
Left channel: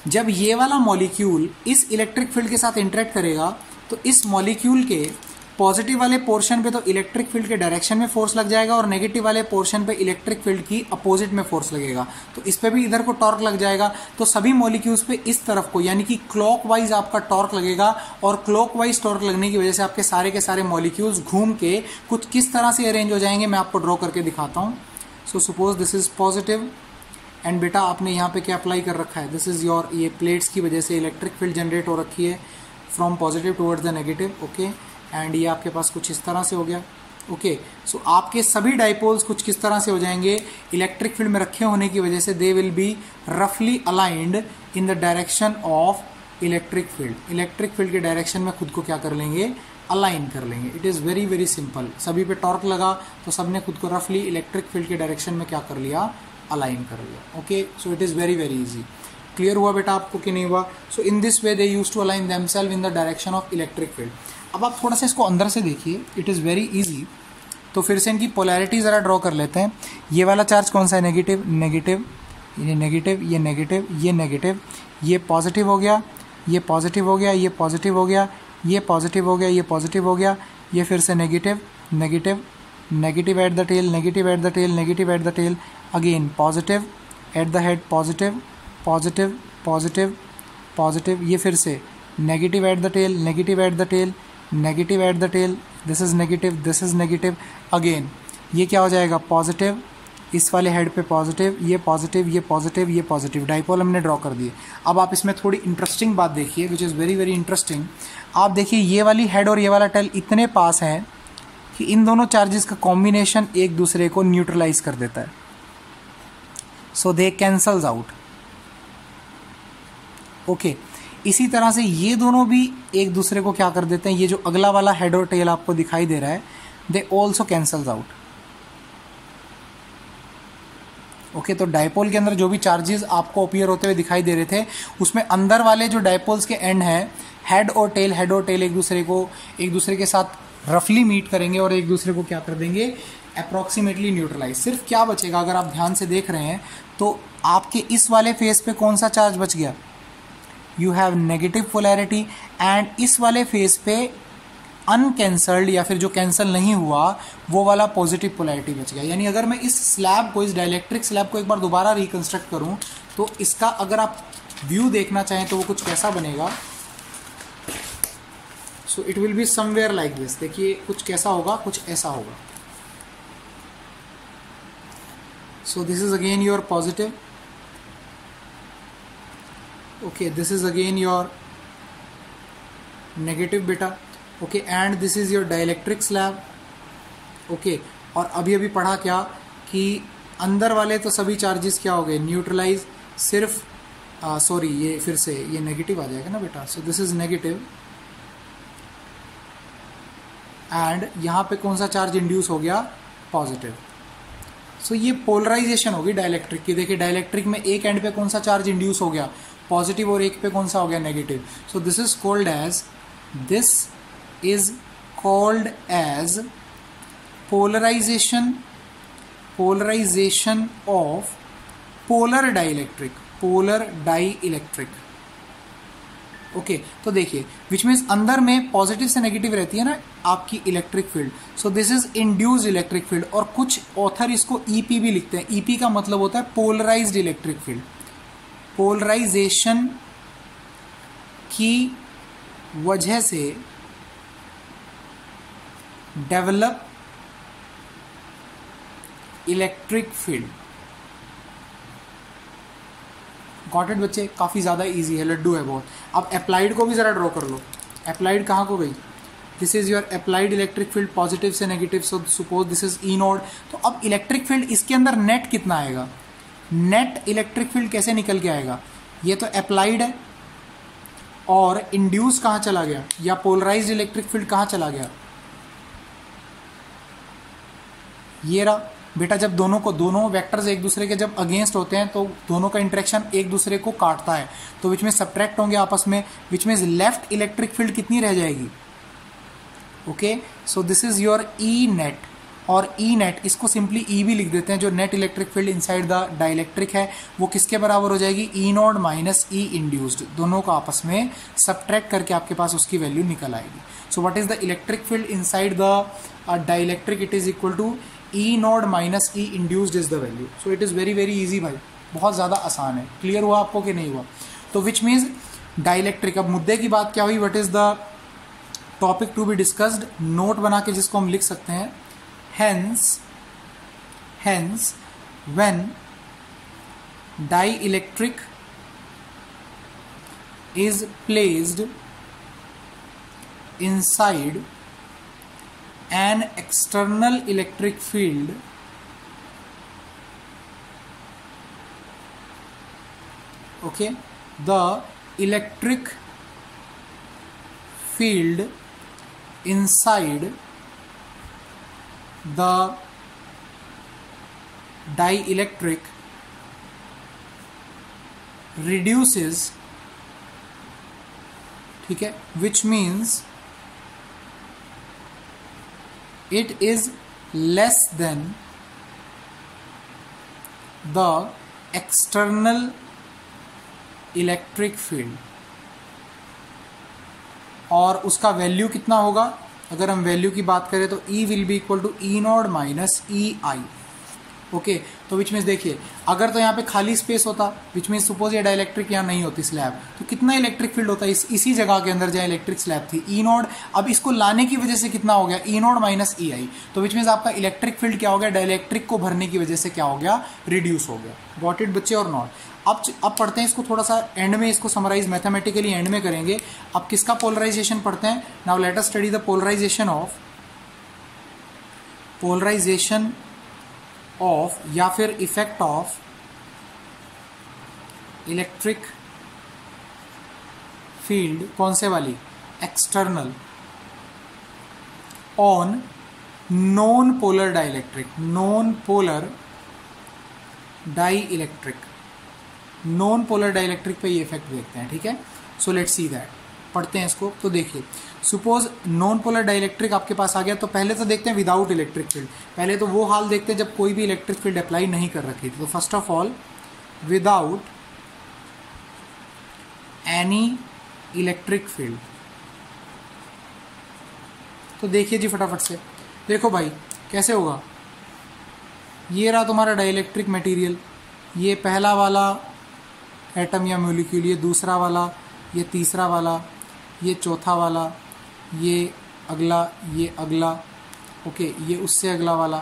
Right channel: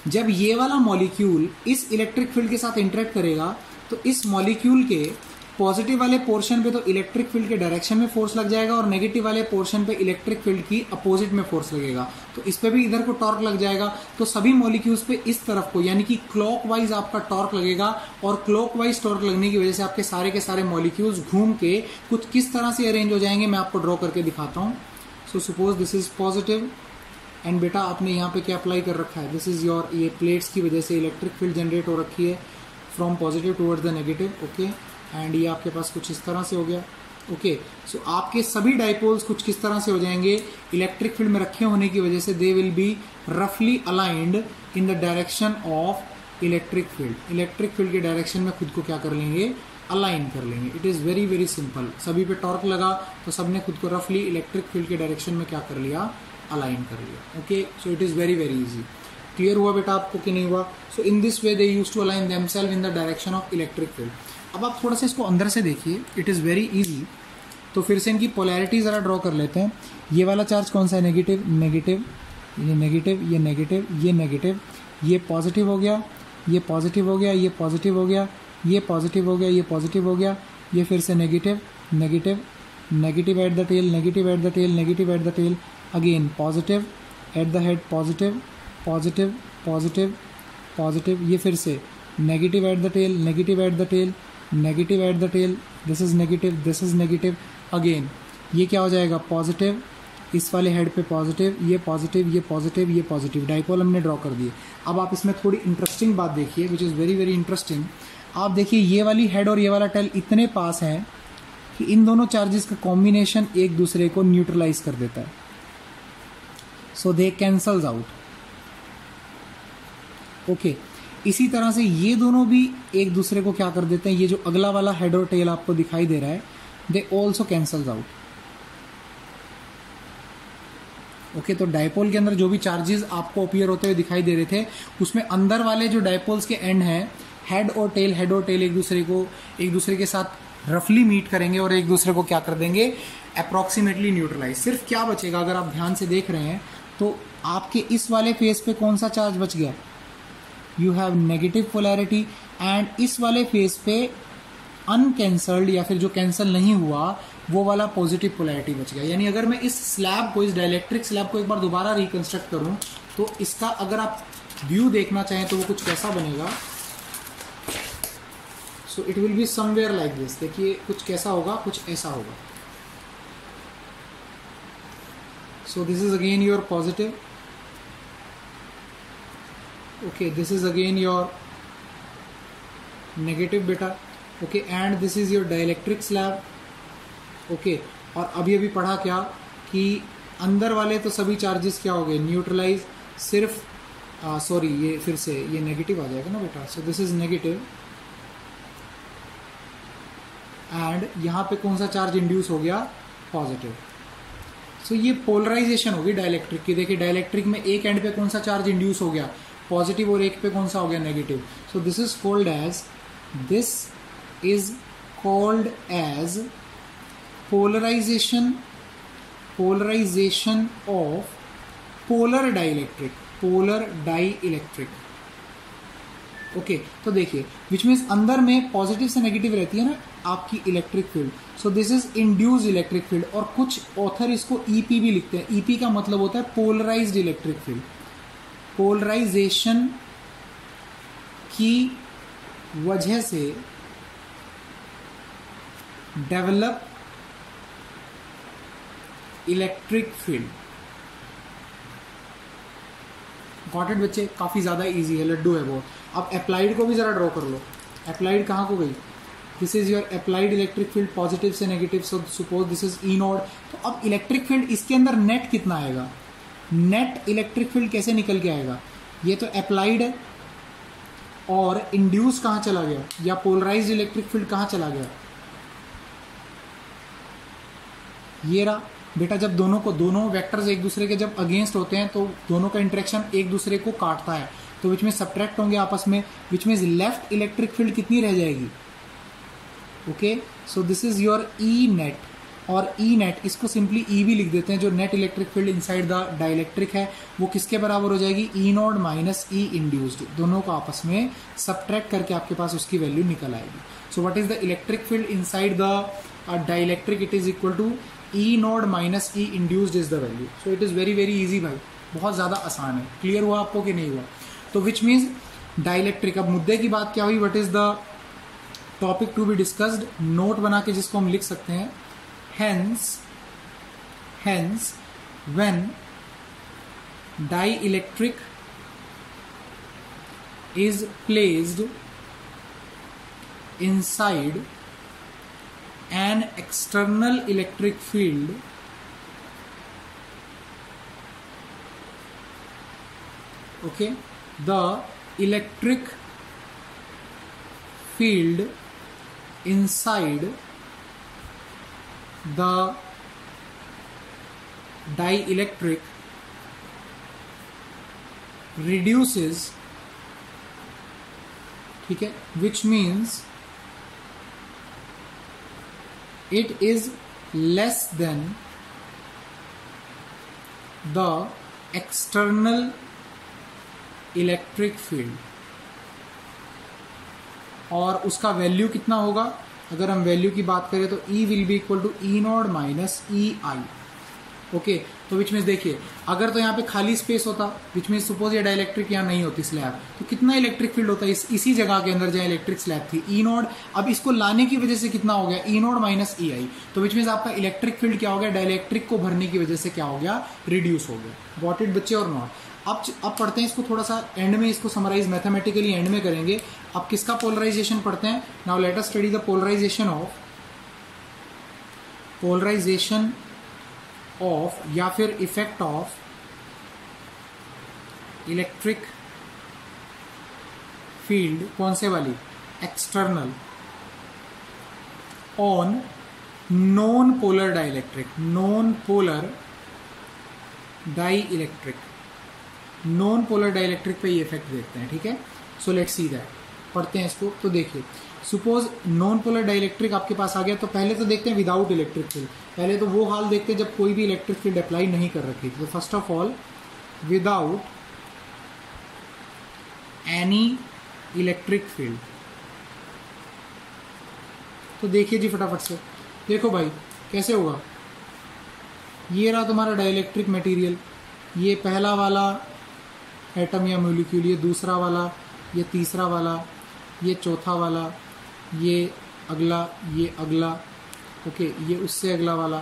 जब ये वाला मॉलिक्यूल इस इलेक्ट्रिक फील्ड के साथ इंटरेक्ट करेगा तो इस मॉलिक्यूल के पॉजिटिव वाले पोर्शन पे तो इलेक्ट्रिक फील्ड के डायरेक्शन में फोर्स लग जाएगा, और नेगेटिव वाले पोर्शन पे इलेक्ट्रिक फील्ड की अपोजिट में फोर्स लगेगा, तो इस पे भी इधर को टॉर्क लग जाएगा। तो सभी मॉलिक्यूल्स पे इस तरफ को, यानी कि क्लॉकवाइज आपका टॉर्क लगेगा, और क्लॉकवाइज टॉर्क लगने की वजह से आपके सारे के सारे मॉलिक्यूल्स घूम के कुछ किस तरह से अरेंज हो जाएंगे, मैं आपको ड्रॉ करके दिखाता हूं। सो suppose this is positive, and बेटा आपने यहाँ पे क्या अप्लाई कर रखा है, दिस इज योर, ये प्लेट्स की वजह से इलेक्ट्रिक फील्ड जनरेट हो रखी है from positive towards the negative, okay, and ये आपके पास कुछ इस तरह से हो गया, ओके। सो आपके सभी डाइपोल्स कुछ किस तरह से हो जाएंगे, इलेक्ट्रिक फील्ड में रखे होने की वजह से दे विल बी रफली aligned in the direction of electric field के डायरेक्शन में खुद को क्या कर लेंगे, अलाइन कर लेंगे। It is very very simple. सभी पे टॉर्क लगा तो सबने खुद को रफली इलेक्ट्रिक फील्ड के डायरेक्शन में क्या कर लिया, अलाइन कर लिया। Okay, so it is very very easy. Clear हुआ बेटा आपको कि नहीं हुआ? So in this way they use to align themselves in the direction of electric field. अब आप थोड़ा सा इसको अंदर से देखिए, इट इज़ वेरी इजी। तो फिर से इनकी पोलैरिटी ज़रा ड्रॉ कर लेते हैं। ये वाला चार्ज कौन सा है, नेगेटिव, नेगेटिव, ये नेगेटिव, ये नेगेटिव, ये नेगेटिव, ये पॉजिटिव हो गया, ये पॉजिटिव हो गया, ये पॉजिटिव हो गया, ये पॉजिटिव हो गया, ये पॉजिटिव हो गया, ये फिर से negative, negative, negative at the tail, negative at the tail, negative at the tail, again positive at the head, positive, positive, positive, positive, ये फिर से negative at the tail, negative at the tail, negative at the tail, this is negative, this is negative, again ये क्या हो जाएगा, positive, इस वाले head पे पॉजिटिव, ये पॉजिटिव, ये पॉजिटिव, ये पॉजिटिव, डाइपोल हमने ड्रॉ कर दिए। अब आप इसमें थोड़ी इंटरेस्टिंग बात देखिए, which is very very interesting. आप देखिए ये वाली हेड और ये वाला टेल इतने पास हैं कि इन दोनों चार्जेस का कॉम्बिनेशन एक दूसरे को न्यूट्रलाइज कर देता है, सो दे कैंसल्स आउट। ओके, इसी तरह से ये दोनों भी एक दूसरे को क्या कर देते हैं, ये जो अगला वाला हेड और टेल आपको दिखाई दे रहा है, they also cancels out. Okay, तो डाइपोल के अंदर जो भी चार्जेस आपको अपीयर होते हुए दिखाई दे रहे थे, उसमें अंदर वाले जो डाइपोल्स के एंड हैं, हेड और टेल एक दूसरे के साथ रफली मीट करेंगे और एक दूसरे को क्या कर देंगे, अप्रॉक्सीमेटली न्यूट्रलाइज। सिर्फ क्या बचेगा, अगर आप ध्यान से देख रहे हैं तो आपके इस वाले फेस पे कौन सा चार्ज बच गया, you have negative polarity, and इस वाले फेस पे अनकैंसल्ड या फिर जो कैंसिल नहीं हुआ वो वाला पॉजिटिव पोलैरिटी बच गया। यानी अगर मैं इस स्लैब को, इस डाइलेक्ट्रिक स्लैब को एक बार दोबारा रिकंस्ट्रक्ट करूं तो इसका अगर आप व्यू देखना चाहें तो वो कुछ कैसा बनेगा, so it will be somewhere like this. देखिए कुछ कैसा होगा, कुछ ऐसा होगा। So this is again your positive, okay, this is again your negative बेटा, okay, and this is your dielectric slab, okay. और अभी पढ़ा क्या कि अंदर वाले तो सभी चार्जेस क्या हो गए, न्यूट्रलाइज, सिर्फ सॉरी ये फिर से ये नेगेटिव आ जाएगा ना बेटा, सो दिस इज नेगेटिव, एंड यहां पे कौन सा चार्ज इंड्यूस हो गया, पॉजिटिव। सो ये पोलराइजेशन होगी डाइलेक्ट्रिक की। देखिए डाइलेक्ट्रिक में एक एंड पे कौन सा चार्ज इंड्यूस हो गया, पॉजिटिव, और एक पे कौन सा हो गया, negative. So this is called as, this is called as polarization of polar dielectric, okay. तो देखिए विच मीन्स अंदर में पॉजिटिव से नेगेटिव रहती है ना आपकी electric field, so this is induced electric field, और कुछ ऑथर इसको ईपी भी लिखते हैं। ईपी का मतलब होता है पोलराइज्ड इलेक्ट्रिक फील्ड। पोलराइजेशन की वजह से develop electric field. Got it बच्चे, काफी ज्यादा इजी है, लड्डू है बहुत। अब अप्लाइड को भी जरा ड्रॉ कर लो। अप्लाइड कहां को गई, this is your applied electric field, positive से negative, so suppose this is E naught. तो अब इलेक्ट्रिक फील्ड इसके अंदर नेट कितना आएगा, नेट इलेक्ट्रिक फील्ड कैसे निकल के आएगा, ये तो अप्लाइड है, और इंड्यूस कहां चला गया, या पोलराइज्ड इलेक्ट्रिक फील्ड कहां चला गया, ये रहा बेटा। जब दोनों वेक्टर्स एक दूसरे के जब अगेंस्ट होते हैं तो दोनों का इंटरेक्शन एक दूसरे को काटता है, तो विच में सब्ट्रैक्ट होंगे आपस में, which means left electric field कितनी रह जाएगी, okay. So this is your E net, और ई नेट इसको सिंपली ई भी लिख देते हैं, जो net electric field inside the dielectric है वो किसके बराबर हो जाएगी, E naught minus E induced. दोनों को आपस में सब्ट्रैक्ट करके आपके पास उसकी वैल्यू निकल आएगी। So what is the electric field inside the dielectric, it is equal to E naught minus E induced is the value. So it is very very easy भाई, बहुत ज्यादा आसान है। क्लियर हुआ आपको कि नहीं हुआ? तो विच मीन्स डाइलेक्ट्रिक। अब मुद्दे की बात क्या हुई, what is the topic to be discussed, note बना के जिसको हम लिख सकते हैं, hence when dielectric is placed inside an external electric field, okay, the electric field inside the dielectric reduces, ठीक है, which means it is less than the external electric field, और उसका वैल्यू कितना होगा, अगर हम वैल्यू की बात करें तो E will be equal to E naught minus E I. Okay, तो विच मीन्स देखिए, अगर तो यहाँ पे खाली स्पेस होता, विच मीन्स सपोज ये डाइलेक्ट्रिक यहाँ नहीं होती स्लैब, तो कितना इलेक्ट्रिक फील्ड होता है इसी जगह के अंदर जहाँ इलेक्ट्रिक स्लैब थी, ई नॉट। अब इसको लाने की वजह से कितना हो गया, ई नॉट माइनस ई आई। तो विच मीन्स आपका इलेक्ट्रिक फील्ड क्या हो गया, डाइलेक्ट्रिक को भरने की वजह से क्या हो गया, रिड्यूस हो गया। गॉट इट बच्चे और नॉट? अब पढ़ते हैं इसको थोड़ा सा एंड में, इसको समराइज मैथमेटिकली एंड में करेंगे। अब किसका पोलराइजेशन पढ़ते हैं? Now let us study the polarisation of या फिर इफेक्ट ऑफ इलेक्ट्रिक फील्ड, कौन से वाली, external, on non polar dielectric, non polar dielectric, non polar dielectric पे ये इफेक्ट देखते हैं। ठीक है, सो लेट्स सी दैट, पढ़ते हैं इसको। तो देखिए, सपोज नॉन पोलर डाइलेक्ट्रिक आपके पास आ गया, तो पहले तो देखते हैं विदाउट इलेक्ट्रिक फील्ड। पहले तो वो हाल देखते हैं जब कोई भी इलेक्ट्रिक फील्ड अप्लाई नहीं कर रखी थी। तो first of all without any electric field, तो देखिए जी फटाफट से, देखो भाई कैसे होगा। ये रहा तुम्हारा डाइलेक्ट्रिक मटेरियल, ये पहला वाला एटम या मॉलिक्यूल, ये दूसरा वाला, ये तीसरा वाला, ये चौथा वाला, ये अगला, ये अगला, ओके, ये उससे अगला वाला,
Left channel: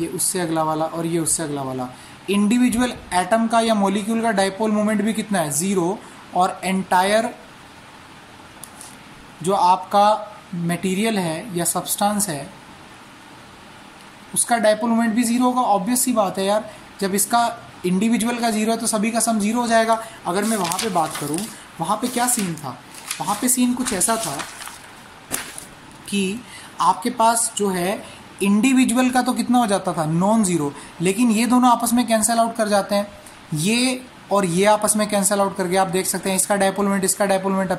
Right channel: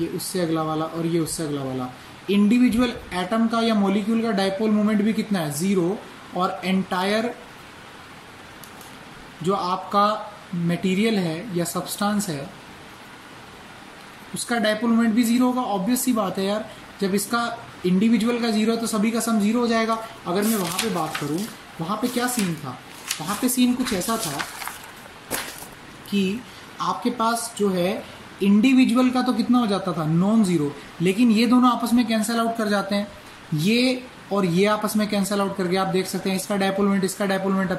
ये उससे अगला वाला, और ये उससे अगला वाला। इंडिविजुअल एटम का या मॉलिक्यूल का डाइपोल मोमेंट भी कितना है, 0, और एंटायर जो आपका मटेरियल है या सब्सटेंस है उसका डाइपोल मोमेंट भी 0 होगा। ऑब्वियस सी बात है यार, जब इसका इंडिविजुअल का 0 है तो सभी का सम 0 हो जाएगा। अगर मैं वहां पे बात करूं, वहां पे क्या सीन था, वहां पे सीन कुछ ऐसा था कि आपके पास जो है इंडिविजुअल का तो कितना हो जाता था, नॉन जीरो, लेकिन ये दोनों आपस में कैंसल आउट कर जाते हैं, ये और ये आपस में कैंसल आउट करके आप देख सकते हैं इसका डाइपोल मोमेंट, इसका डाइपोल मोमेंट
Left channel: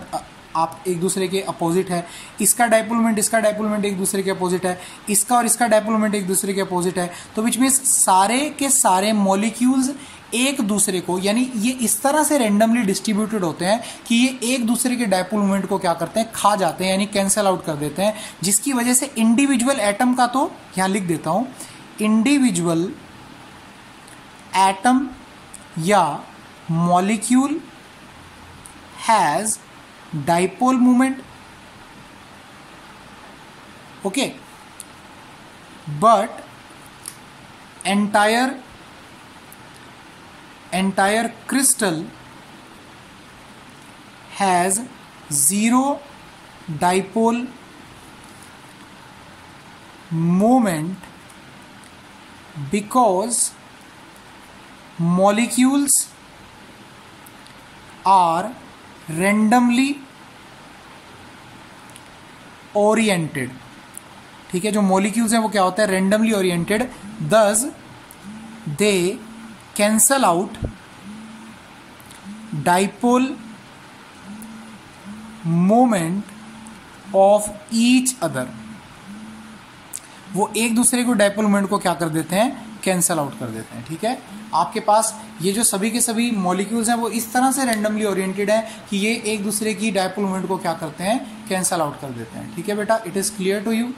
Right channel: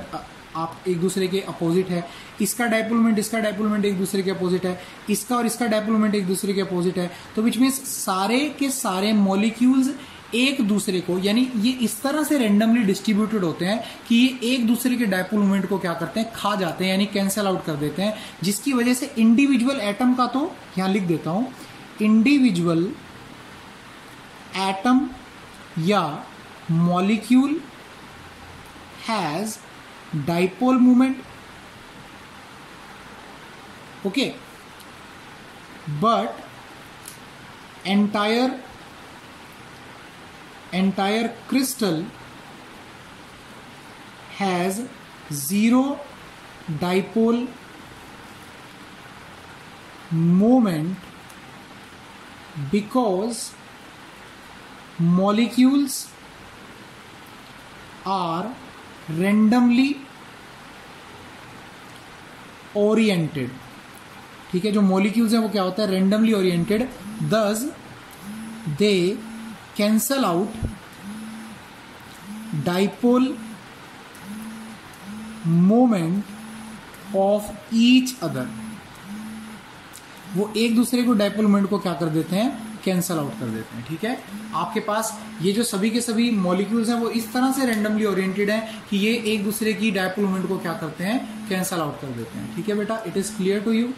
आप एक दूसरे के अपोजिट है, इसका डाइपोल मोमेंट, इसका डाइपोल मोमेंट एक दूसरे के अपोजिट है, इसका और इसका डाइपोल मोमेंट एक दूसरे के अपोजिट है। तो विच मींस सारे के सारे मॉलिक्यूल्स एक दूसरे को, यानी ये इस तरह से रेंडमली डिस्ट्रीब्यूटेड होते हैं कि ये एक दूसरे के डाइपोल मोमेंट को क्या करते हैं, खा जाते हैं, यानी कैंसल आउट कर देते हैं, जिसकी वजह से इंडिविजुअल एटम का, तो यहां लिख देता हूं, इंडिविजुअल एटम या molecule has dipole moment, okay, but entire crystal has 0 dipole moment because molecules are randomly oriented। ठीक है, जो मॉलिक्यूल्स हैं वो क्या होता है, randomly oriented, thus they cancel out dipole moment of each other। वो एक दूसरे को डाइपोल मोमेंट को क्या कर देते हैं, कैंसल आउट कर देते हैं। ठीक है, आपके पास ये जो सभी के सभी मॉलिक्यूल्स हैं वो इस तरह से रेंडमली ओरिएंटेड हैं कि ये एक दूसरे की डाइपोल मोमेंट को क्या करते हैं, कैंसल आउट कर देते हैं। ठीक है बेटा, it is clear to you.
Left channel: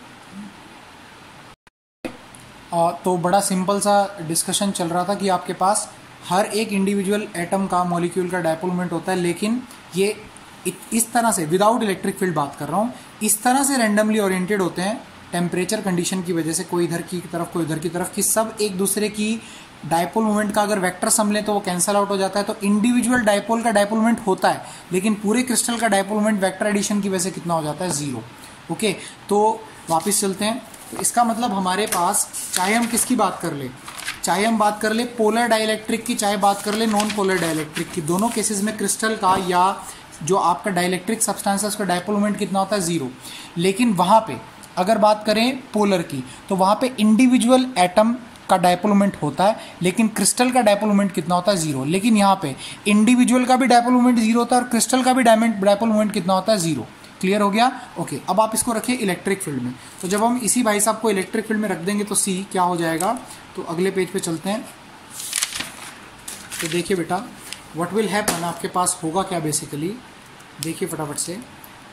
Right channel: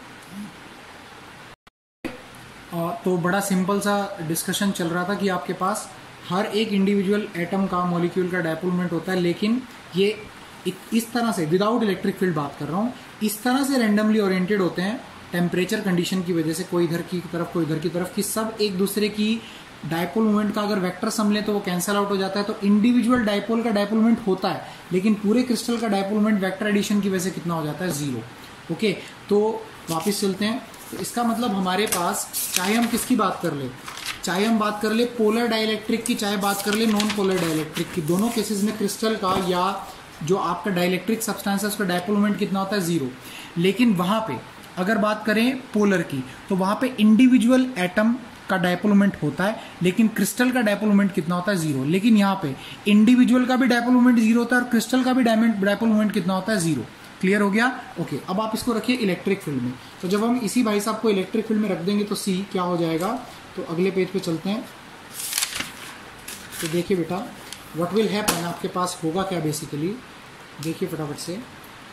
तो बड़ा सिंपल सा डिस्कशन चल रहा था कि आपके पास हर एक इंडिविजुअल एटम का, मॉलिक्यूल का डाइपोल मोमेंट होता है, लेकिन ये इस तरह से, विदाउट इलेक्ट्रिक फील्ड बात कर रहा हूँ, इस तरह से रेंडमली ओरिएंटेड होते हैं टेम्परेचर कंडीशन की वजह से, कोई इधर की तरफ कोई इधर की तरफ, कि सब एक दूसरे की डाइपोल मोमेंट का अगर वेक्टर सम ले तो वो कैंसल आउट हो जाता है। तो इंडिविजुअल डाइपोल का डाइपोल मोमेंट होता है, लेकिन पूरे क्रिस्टल का डाइपोल मोमेंट वेक्टर एडिशन की वजह से कितना हो जाता है, 0। ओके, तो वापस चलते हैं। तो इसका मतलब हमारे पास, चाहे हम किसकी बात कर ले, चाहे हम बात कर ले पोलर डाइलेक्ट्रिक की, चाहे बात कर ले नॉन पोलर डाइलेक्ट्रिक की, दोनों केसेस में क्रिस्टल का या जो आपका डाइलेक्ट्रिक सब्सटेंस है उसका डायपोल मोमेंट कितना होता है, 0। लेकिन वहां पे अगर बात करें पोलर की, तो वहां पे इंडिविजुअल एटम का डायपोल मोमेंट होता है, लेकिन क्रिस्टल का डायपोल मोमेंट कितना होता है, 0। लेकिन यहाँ पे इंडिविजुअल का भी डायपोल मोमेंट 0 होता है और क्रिस्टल का भी डायपोल मोमेंट कितना होता है, 0। क्लियर हो गया? ओके, अब आप इसको रखिए इलेक्ट्रिक फील्ड में। तो जब हम इसी भाई साहब को इलेक्ट्रिक फील्ड में रख देंगे तो सी क्या हो जाएगा, तो अगले पेज पे चलते हैं। तो देखिए बेटा, व्हाट विल हैपन, आपके पास होगा क्या बेसिकली, देखिए फटाफट से।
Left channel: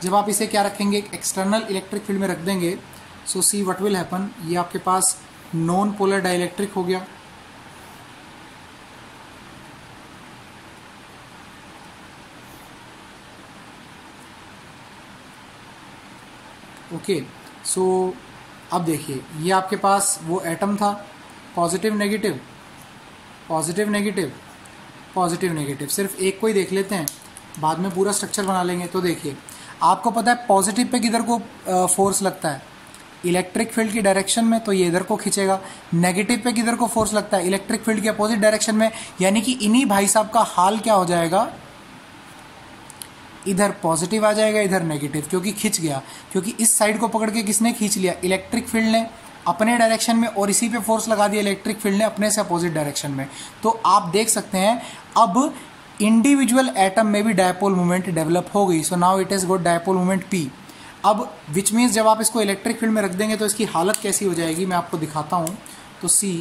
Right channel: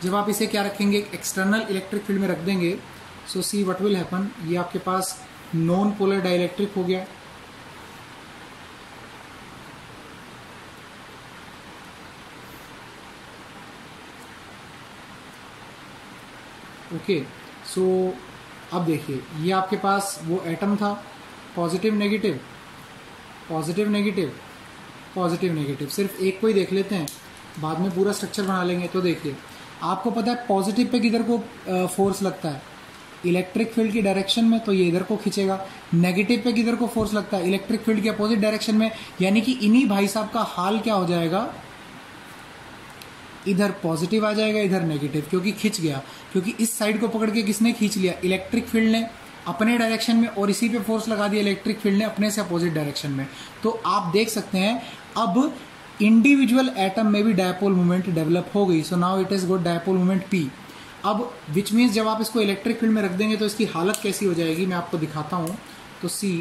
जब आप इसे क्या रखेंगे, एक्सटर्नल इलेक्ट्रिक फील्ड में रख देंगे, सो सी व्हाट विल हैपन, ये आपके पास नॉन पोलर डाइलेक्ट्रिक हो गया। ओके, सो अब देखिए ये आपके पास वो एटम था, positive negative positive negative positive negative, सिर्फ एक को ही देख लेते हैं, बाद में पूरा स्ट्रक्चर बना लेंगे। तो देखिए आपको पता है पॉजिटिव पे किधर को फोर्स लगता है, इलेक्ट्रिक फील्ड की डायरेक्शन में, तो ये इधर को खींचेगा। नेगेटिव पे किधर को फोर्स लगता है, इलेक्ट्रिक फील्ड के अपोजिट डायरेक्शन में, यानी कि इन्हीं भाई साहब का हाल क्या हो जाएगा, इधर पॉजिटिव आ जाएगा, इधर नेगेटिव, क्योंकि खिंच गया, क्योंकि इस साइड को पकड़ के किसने खींच लिया, इलेक्ट्रिक फील्ड ने अपने डायरेक्शन में, और इसी पे फोर्स लगा दिया इलेक्ट्रिक फील्ड ने अपने से अपोजिट डायरेक्शन में। तो आप देख सकते हैं अब इंडिविजुअल एटम में भी डायपोल मोमेंट डेवलप हो गई। So now it is got dipole moment P. अब विच मीन्स जब आप इसको इलेक्ट्रिक फील्ड में रख देंगे तो इसकी हालत कैसी हो जाएगी, मैं आपको दिखाता हूं। तो सी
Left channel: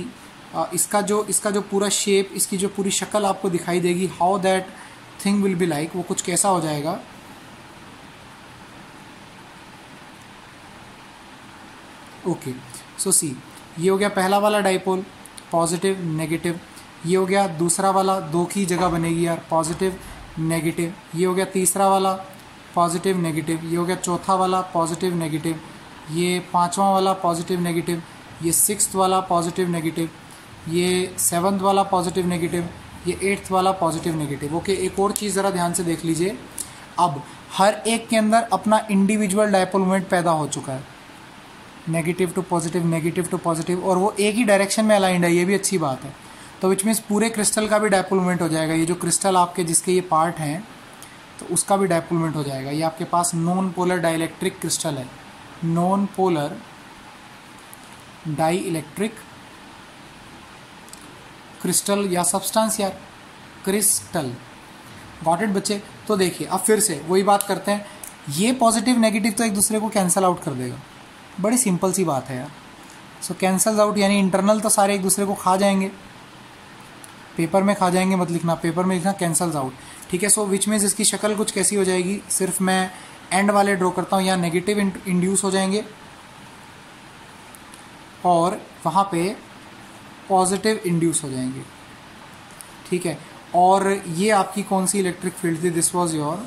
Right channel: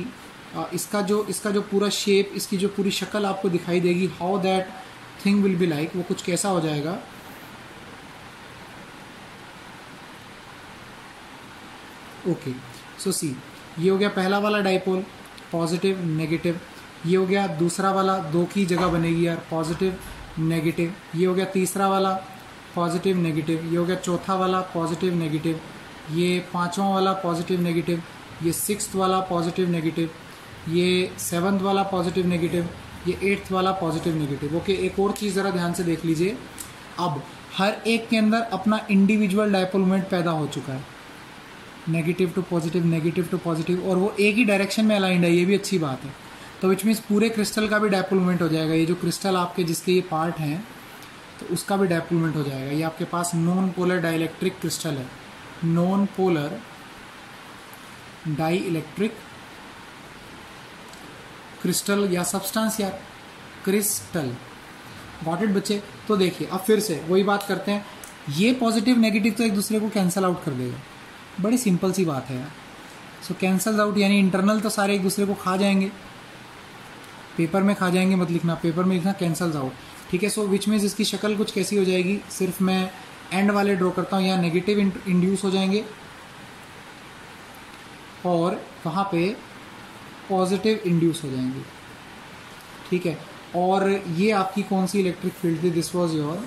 इसका जो पूरा शेप, इसकी जो पूरी शक्ल आपको दिखाई देगी, how that thing will be like, वो कुछ कैसा हो जाएगा। ओके, सो सी ये हो गया पहला वाला डाइपोल, पॉजिटिव नेगेटिव। ये हो गया दूसरा वाला, दो की जगह बनेगी यार, पॉजिटिव नेगेटिव। ये हो गया तीसरा वाला, पॉजिटिव नेगेटिव। ये हो गया चौथा वाला, पॉजिटिव नेगेटिव। ये पांचवा वाला, पॉजिटिव नेगेटिव। ये सिक्स्थ वाला, पॉजिटिव नेगेटिव। ये सेवंथ वाला, पॉजिटिव नेगेटिव। ये एट्थ वाला, पॉजिटिव नेगेटिव। ओके, एक और चीज़ ज़रा ध्यान से देख लीजिए, अब हर एक के अंदर अपना इंडिविजुअल डायपोल मोमेंट पैदा हो चुका है, negative to positive, negative to positive, और वो एक ही डायरेक्शन में अलाइंड है, ये भी अच्छी बात है। तो विच मीन्स पूरे क्रिस्टल का भी डायपोल मोमेंट हो जाएगा। ये जो क्रिस्टल आपके जिसके ये पार्ट हैं, तो उसका भी डायपोल मोमेंट हो जाएगा। ये आपके पास नॉन पोलर डाइलेक्ट्रिक क्रिस्टल है, non polar dielectric crystal या सब्सटेंस या क्रिस्टल। गॉट इट बच्चे? तो देखिए अब फिर से वही बात करते हैं, ये पॉजिटिव नेगेटिव तो एक दूसरे को कैंसल आउट कर देगा, बड़ी सिंपल सी बात है यार। सो कैंसल्स आउट, यानी इंटरनल तो सारे एक दूसरे को खा जाएंगे, पेपर में खा जाएंगे मत लिखना, पेपर में लिखना कैंसल्स आउट, ठीक है। सो विच मीन्स इसकी शक्ल कुछ कैसी हो जाएगी, सिर्फ मैं एंड वाले ड्रॉ करता हूँ, यहाँ नेगेटिव इंड्यूस हो जाएंगे और वहाँ पे पॉजिटिव इंड्यूस हो जाएंगे, ठीक है। और ये आपकी कौन सी इलेक्ट्रिक फील्ड थी, this was your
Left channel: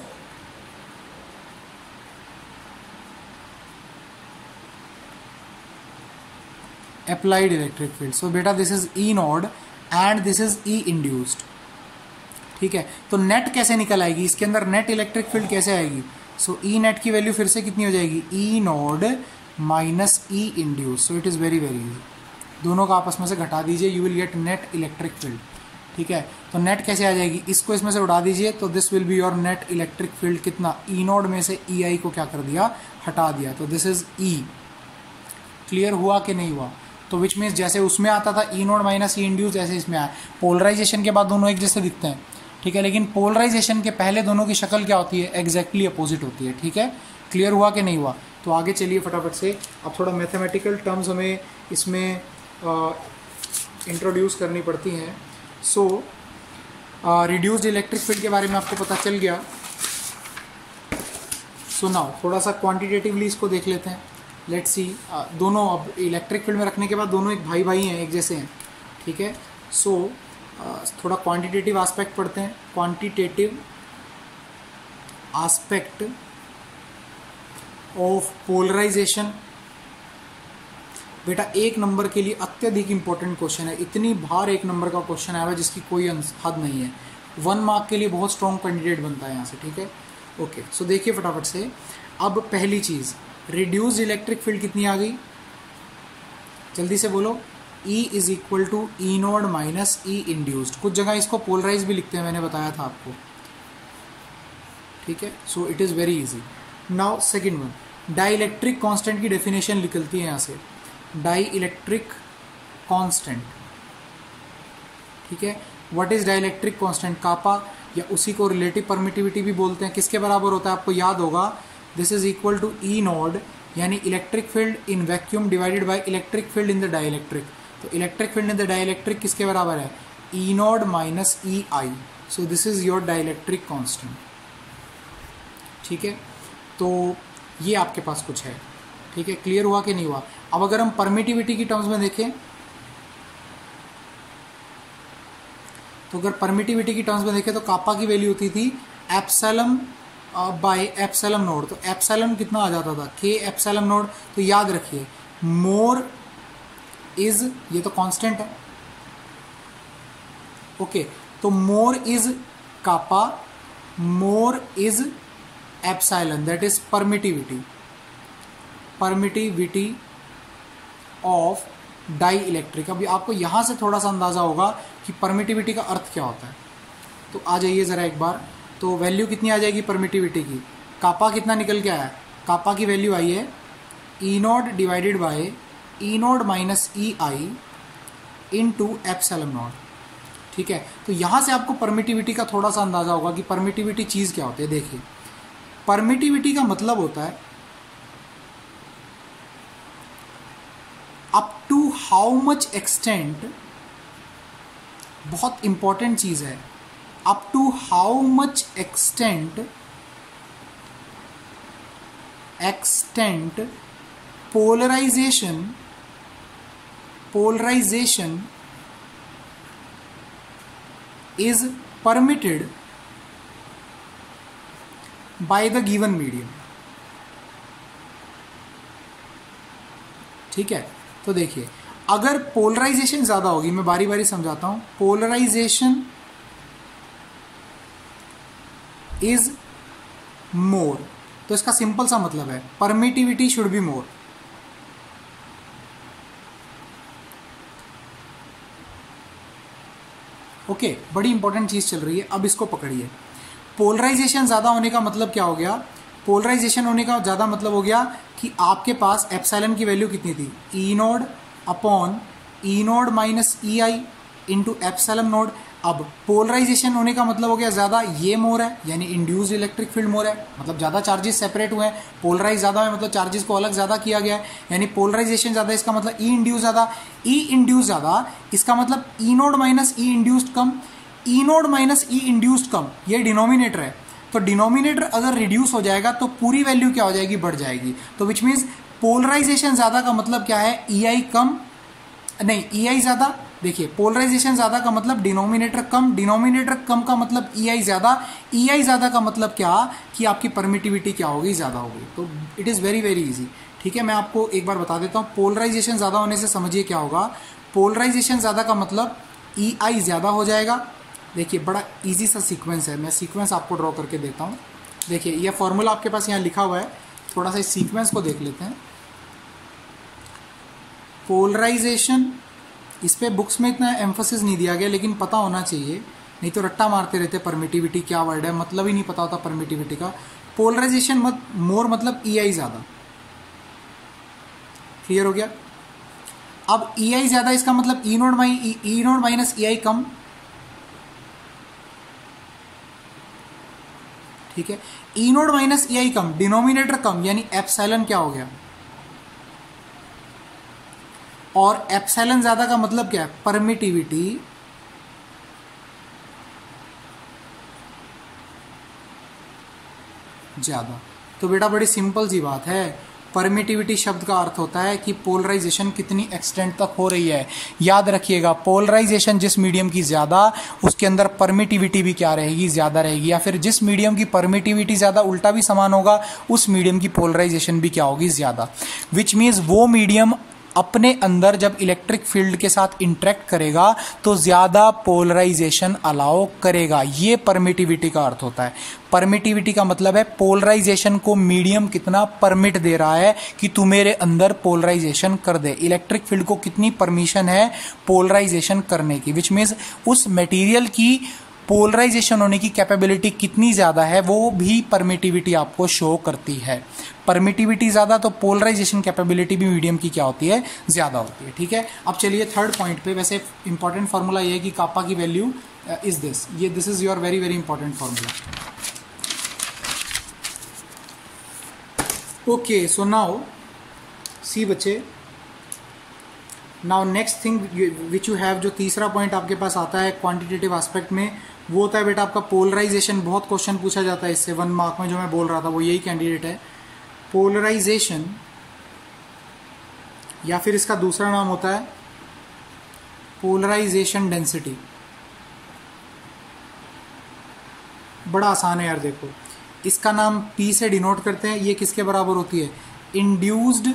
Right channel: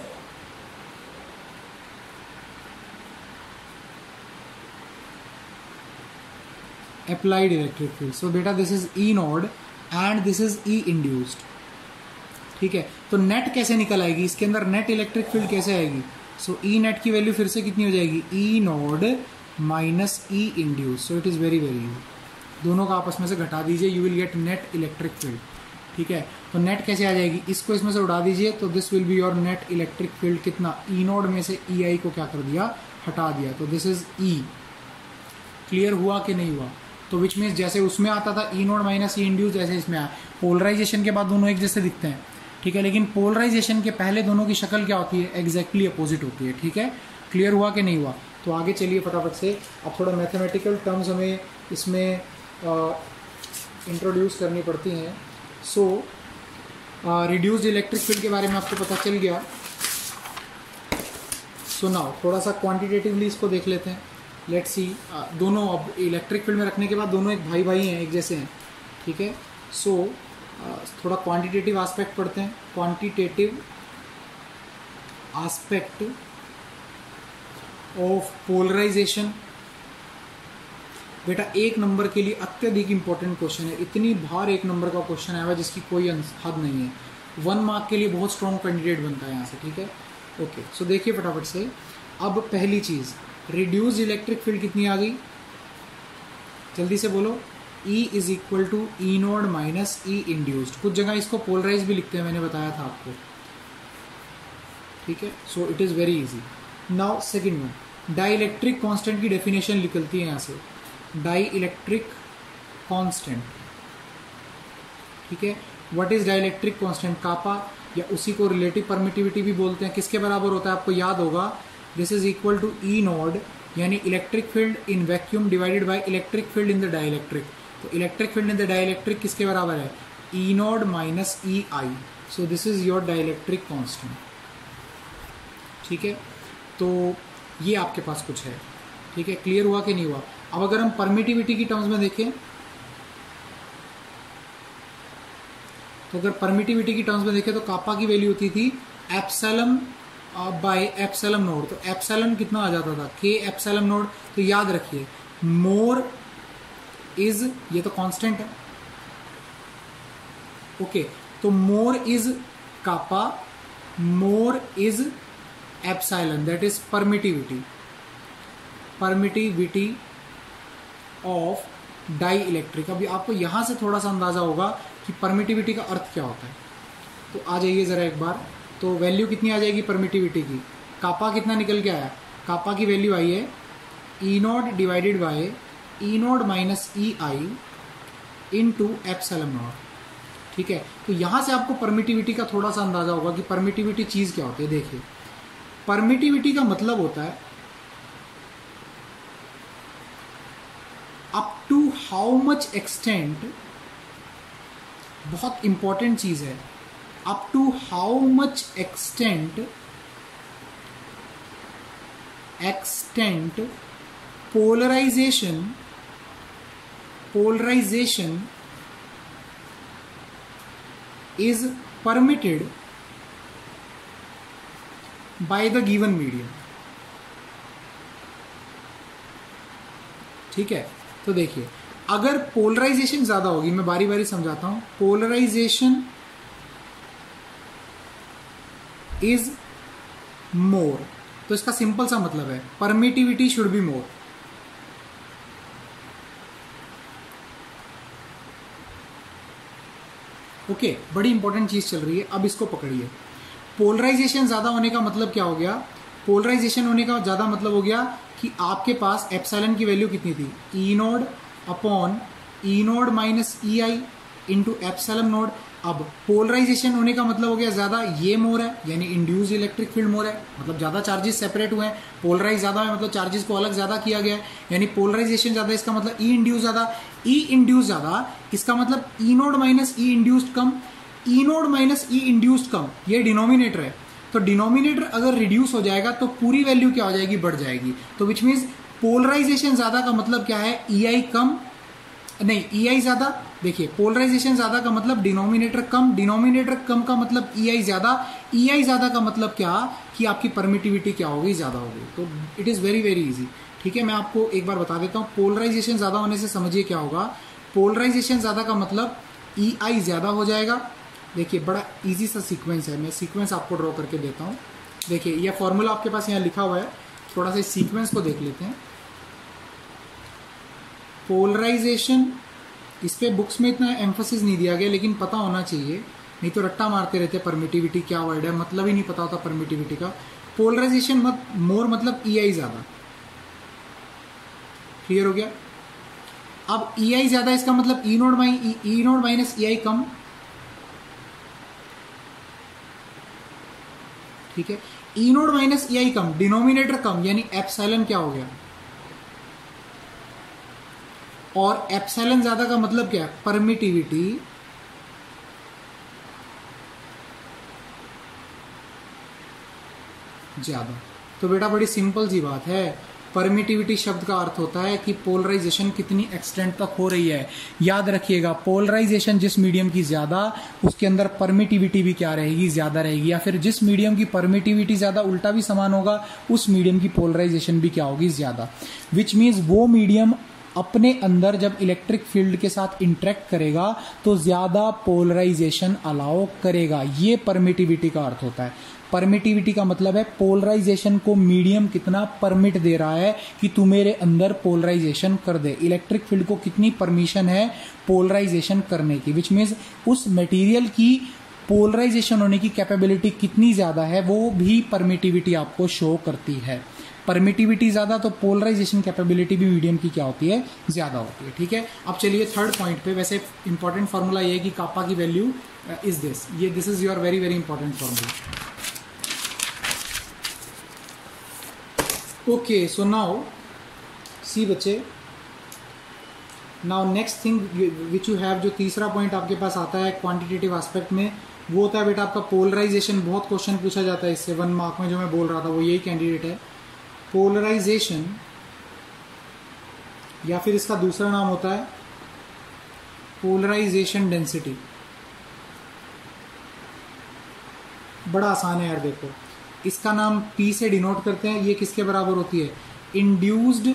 applied electric field. So बेटा this is E naught and this is E induced, ठीक है। तो नेट कैसे निकल आएगी, इसके अंदर नेट इलेक्ट्रिक फील्ड कैसे आएगी। सो ई नेट की वैल्यू फिर से कितनी हो जाएगी, E naught minus E induce. So it is very very easy, दोनों का आपस में से घटा दीजिए, you will get net electric field, ठीक है। तो नेट कैसे आ जाएगी, इसको इसमें से उड़ा दीजिए, तो this will be your net electric field. कितना, ई नोड में से ई आई को क्या कर दिया, हटा दिया, तो दिस इज ई। क्लियर हुआ कि नहीं हुआ। तो विच मीन्स जैसे उसमें आता था ई नोड माइनस ई इंड्यूस, जैसे इसमें आया। पोलराइजेशन के बाद दोनों एक जैसे दिखते हैं, ठीक है, लेकिन पोलराइजेशन के पहले दोनों की शक्ल क्या होती है, एग्जैक्टली अपोजिट होती है, ठीक है। क्लियर हुआ कि नहीं हुआ। तो आगे चलिए फटाफट से, अब थोड़ा मैथमेटिकल टर्म्स हमें इसमें इंट्रोड्यूस करनी पड़ती हैं। सो रिड्यूस्ड इलेक्ट्रिक फील्ड के बारे में आपको पता चल गया। सो नाउ थोड़ा सा क्वांटिटेटिवली इसको देख लेते हैं, लेट्स सी। दोनों अब इलेक्ट्रिक फील्ड में रखने के बाद दोनों एक भाई भाई हैं, एक जैसे हैं, ठीक है। सो थोड़ा क्वांटिटेटिव एस्पेक्ट पढ़ते हैं, क्वांटिटेटिव एस्पेक्ट ऑफ पोलराइजेशन। बेटा एक नंबर के लिए अत्यधिक इंपॉर्टेंट क्वेश्चन है, इतनी बार एक नंबर का क्वेश्चन आया हुआ जिसकी कोई हद नहीं है, 1 मार्क के लिए बहुत स्ट्रॉन्ग कैंडिडेट बनता है यहाँ से, ठीक है। ओके, सो देखिए फटाफट से। अब पहली चीज, रिड्यूस्ड इलेक्ट्रिक फील्ड कितनी आ गई, जल्दी से बोलो। E is equal to E naught minus E induced. कुछ जगह इसको पोलराइज भी लिखते हैं, मैंने बताया था आपको, ठीक है, so it is very easy. Now second one, dielectric constant की डेफिनेशन निकलती है यहां से, डाई इलेक्ट्रिक कॉन्स्टेंट, ठीक है। What is dielectric constant? Kappa, या उसी को रिलेटिव परमिटिविटी भी बोलते हैं। किसके बराबर होता है आपको याद होगा, this is equal to E naught, यानी electric field in vacuum divided by electric field in the dielectric. तो electric field in the dielectric किसके बराबर है? E naught minus E I. So this is your dielectric constant, ठीक है। तो ये आपके पास कुछ है, ठीक है। क्लियर हुआ कि नहीं हुआ? अब अगर हम परमिटिविटी की टर्म्स में देखें, तो अगर परमिटिविटी की टर्म्स में देखें तो कापा की वैल्यू होती थी एप्सिलॉन बाय एप्सिलॉन नोड। तो एप्सिलॉन कितना आ जाता था? के एप्सिलॉन नोड। तो याद रखिए मोर इज, ये तो कांस्टेंट है, ओके। तो more is kappa, more is epsilon, that is permittivity, permittivity of dielectric. अभी आपको यहां से थोड़ा सा अंदाजा होगा कि परमिटिविटी का अर्थ क्या होता है। तो आ जाइए जरा एक बार, तो वैल्यू कितनी आ जाएगी परमिटिविटी की? कापा कितना निकल के आया? कापा की वैल्यू आई है E naught divided by E naught minus E I into epsilon naught, ठीक है। तो यहां से आपको परमिटिविटी का थोड़ा सा अंदाजा होगा कि परमिटिविटी चीज क्या होती है। देखिए, परमिटिविटी का मतलब होता है up to how much extent, बहुत इंपॉर्टेंट चीज है, up to how much extent polarization is permitted by the given medium, ठीक है। तो देखिए, अगर पोलराइजेशन ज्यादा होगी, मैं बारी बारी समझाता हूं, पोलराइजेशन इज मोर, तो इसका सिंपल सा मतलब है permittivity should be more. Okay, बड़ी इंपॉर्टेंट चीज चल रही है, अब इसको पकड़िए। पोलराइजेशन ज्यादा होने का मतलब क्या हो गया? पोलराइजेशन होने का ज्यादा मतलब हो गया कि आपके पास एप्सिलॉन की वैल्यू कितनी थी? E naught upon E naught minus E I into epsilon naught. अब पोलराइजेशन होने का मतलब हो गया ज्यादा, ये मोर है यानी इंड्यूस्ड इलेक्ट्रिक फील्ड मोर है, मतलब ज्यादा चार्जेस सेपरेट हुए हैं। पोलराइज ज्यादा है मतलब चार्जेस को अलग ज्यादा किया गया है, यानी पोलराइजेशन ज्यादा, इसका मतलब ई इंड्यूस ज्यादा। ई इंड्यूस ज्यादा, इसका मतलब ई नोड माइनस ई इंड्यूस्ड कम, ई नोड माइनस ई इंड्यूस्ड कम, ये डिनोमिनेटर है। तो डिनोमिनेटर अगर रिड्यूस हो जाएगा तो पूरी वैल्यू क्या हो जाएगी? बढ़ जाएगी। तो विच मीन्स पोलराइजेशन ज्यादा का मतलब क्या है? ई आई कम, नहीं ई आई ज्यादा। देखिए, पोलराइजेशन ज्यादा का मतलब डिनोमिनेटर कम, डिनोमिनेटर कम का मतलब ई आई ज्यादा, ई आई ज्यादा का मतलब क्या कि आपकी परमिटिविटी क्या होगी? ज्यादा होगी। तो it is very very easy, ठीक है। मैं आपको एक बार बता देता हूं, पोलराइजेशन ज्यादा होने से समझिए क्या होगा। पोलराइजेशन ज्यादा का मतलब ई आई ज्यादा हो जाएगा। देखिए, बड़ा इजी सा सीक्वेंस है, मैं सीक्वेंस आपको ड्रॉ करके देता हूं। देखिए, यह फॉर्मूला आपके पास यहां लिखा हुआ है, थोड़ा सा इस सीक्वेंस को देख लेते हैं। पोलराइजेशन, इस पे बुक्स में इतना एम्फोसिस नहीं दिया गया, लेकिन पता होना चाहिए, नहीं तो रट्टा मारते रहते परमिटिविटी क्या वर्ड है, मतलब ही नहीं पता होता परमिटिविटी का। पोलराइजेशन मोर मतलब ई आई ज्यादा, क्लियर हो गया। अब ई आई ज्यादा, इसका मतलब ई नोड माइनस ई आई कम, ठीक है। ई नोड माइनस ई आई कम, डिनोमिनेटर कम, यानी एप्सिलॉन क्या हो गया? और एप्सिलॉन ज्यादा का मतलब क्या है? परमिटिविटी ज्यादा। तो बेटा बड़ी सिंपल सी बात है, परमिटिविटी शब्द का अर्थ होता है कि पोलराइजेशन कितनी एक्सटेंट तक हो रही है। याद रखिएगा, पोलराइजेशन जिस मीडियम की ज्यादा, उसके अंदर परमिटिविटी भी क्या रहेगी? ज्यादा रहेगी। या फिर जिस मीडियम की परमिटिविटी ज्यादा, उल्टा भी समान होगा, उस मीडियम की पोलराइजेशन भी क्या होगी? ज्यादा। विच मीन्स वो मीडियम अपने अंदर जब इलेक्ट्रिक फील्ड के साथ इंटरेक्ट करेगा तो ज्यादा पोलराइजेशन अलाउ करेगा। ये परमिटिविटी का अर्थ होता है। परमिटिविटी का मतलब है पोलराइजेशन को मीडियम कितना परमिट दे रहा है कि तू मेरे अंदर पोलराइजेशन कर दे। इलेक्ट्रिक फील्ड को कितनी परमिशन है पोलराइजेशन करने की, विच मीन्स उस मटेरियल की पोलराइजेशन होने की कैपेबिलिटी कितनी ज़्यादा है वो भी परमिटिविटी आपको शो करती है। परमिटिविटी ज़्यादा तो पोलराइजेशन कैपेबिलिटी भी मीडियम की क्या होती है, ज़्यादा होती है। ठीक है, अब चलिए थर्ड पॉइंट पे। वैसे इंपॉर्टेंट फार्मूला ये है कि कापा की वैल्यू इज दिस, ये this is your very very important formula. Okay, so now see बच्चे, now next thing which you have, जो तीसरा पॉइंट आपके पास आता है क्वांटिटेटिव एस्पेक्ट में, वो होता है बेटा आपका पोलराइजेशन। बहुत क्वेश्चन पूछा जाता है इससे 1 मार्क में, जो मैं बोल रहा था वो यही कैंडिडेट है। पोलराइजेशन, या फिर इसका दूसरा नाम होता है पोलराइजेशन डेंसिटी। बड़ा आसान है यार, देखो इसका नाम P से डिनोट करते हैं। ये किसके बराबर होती है, induced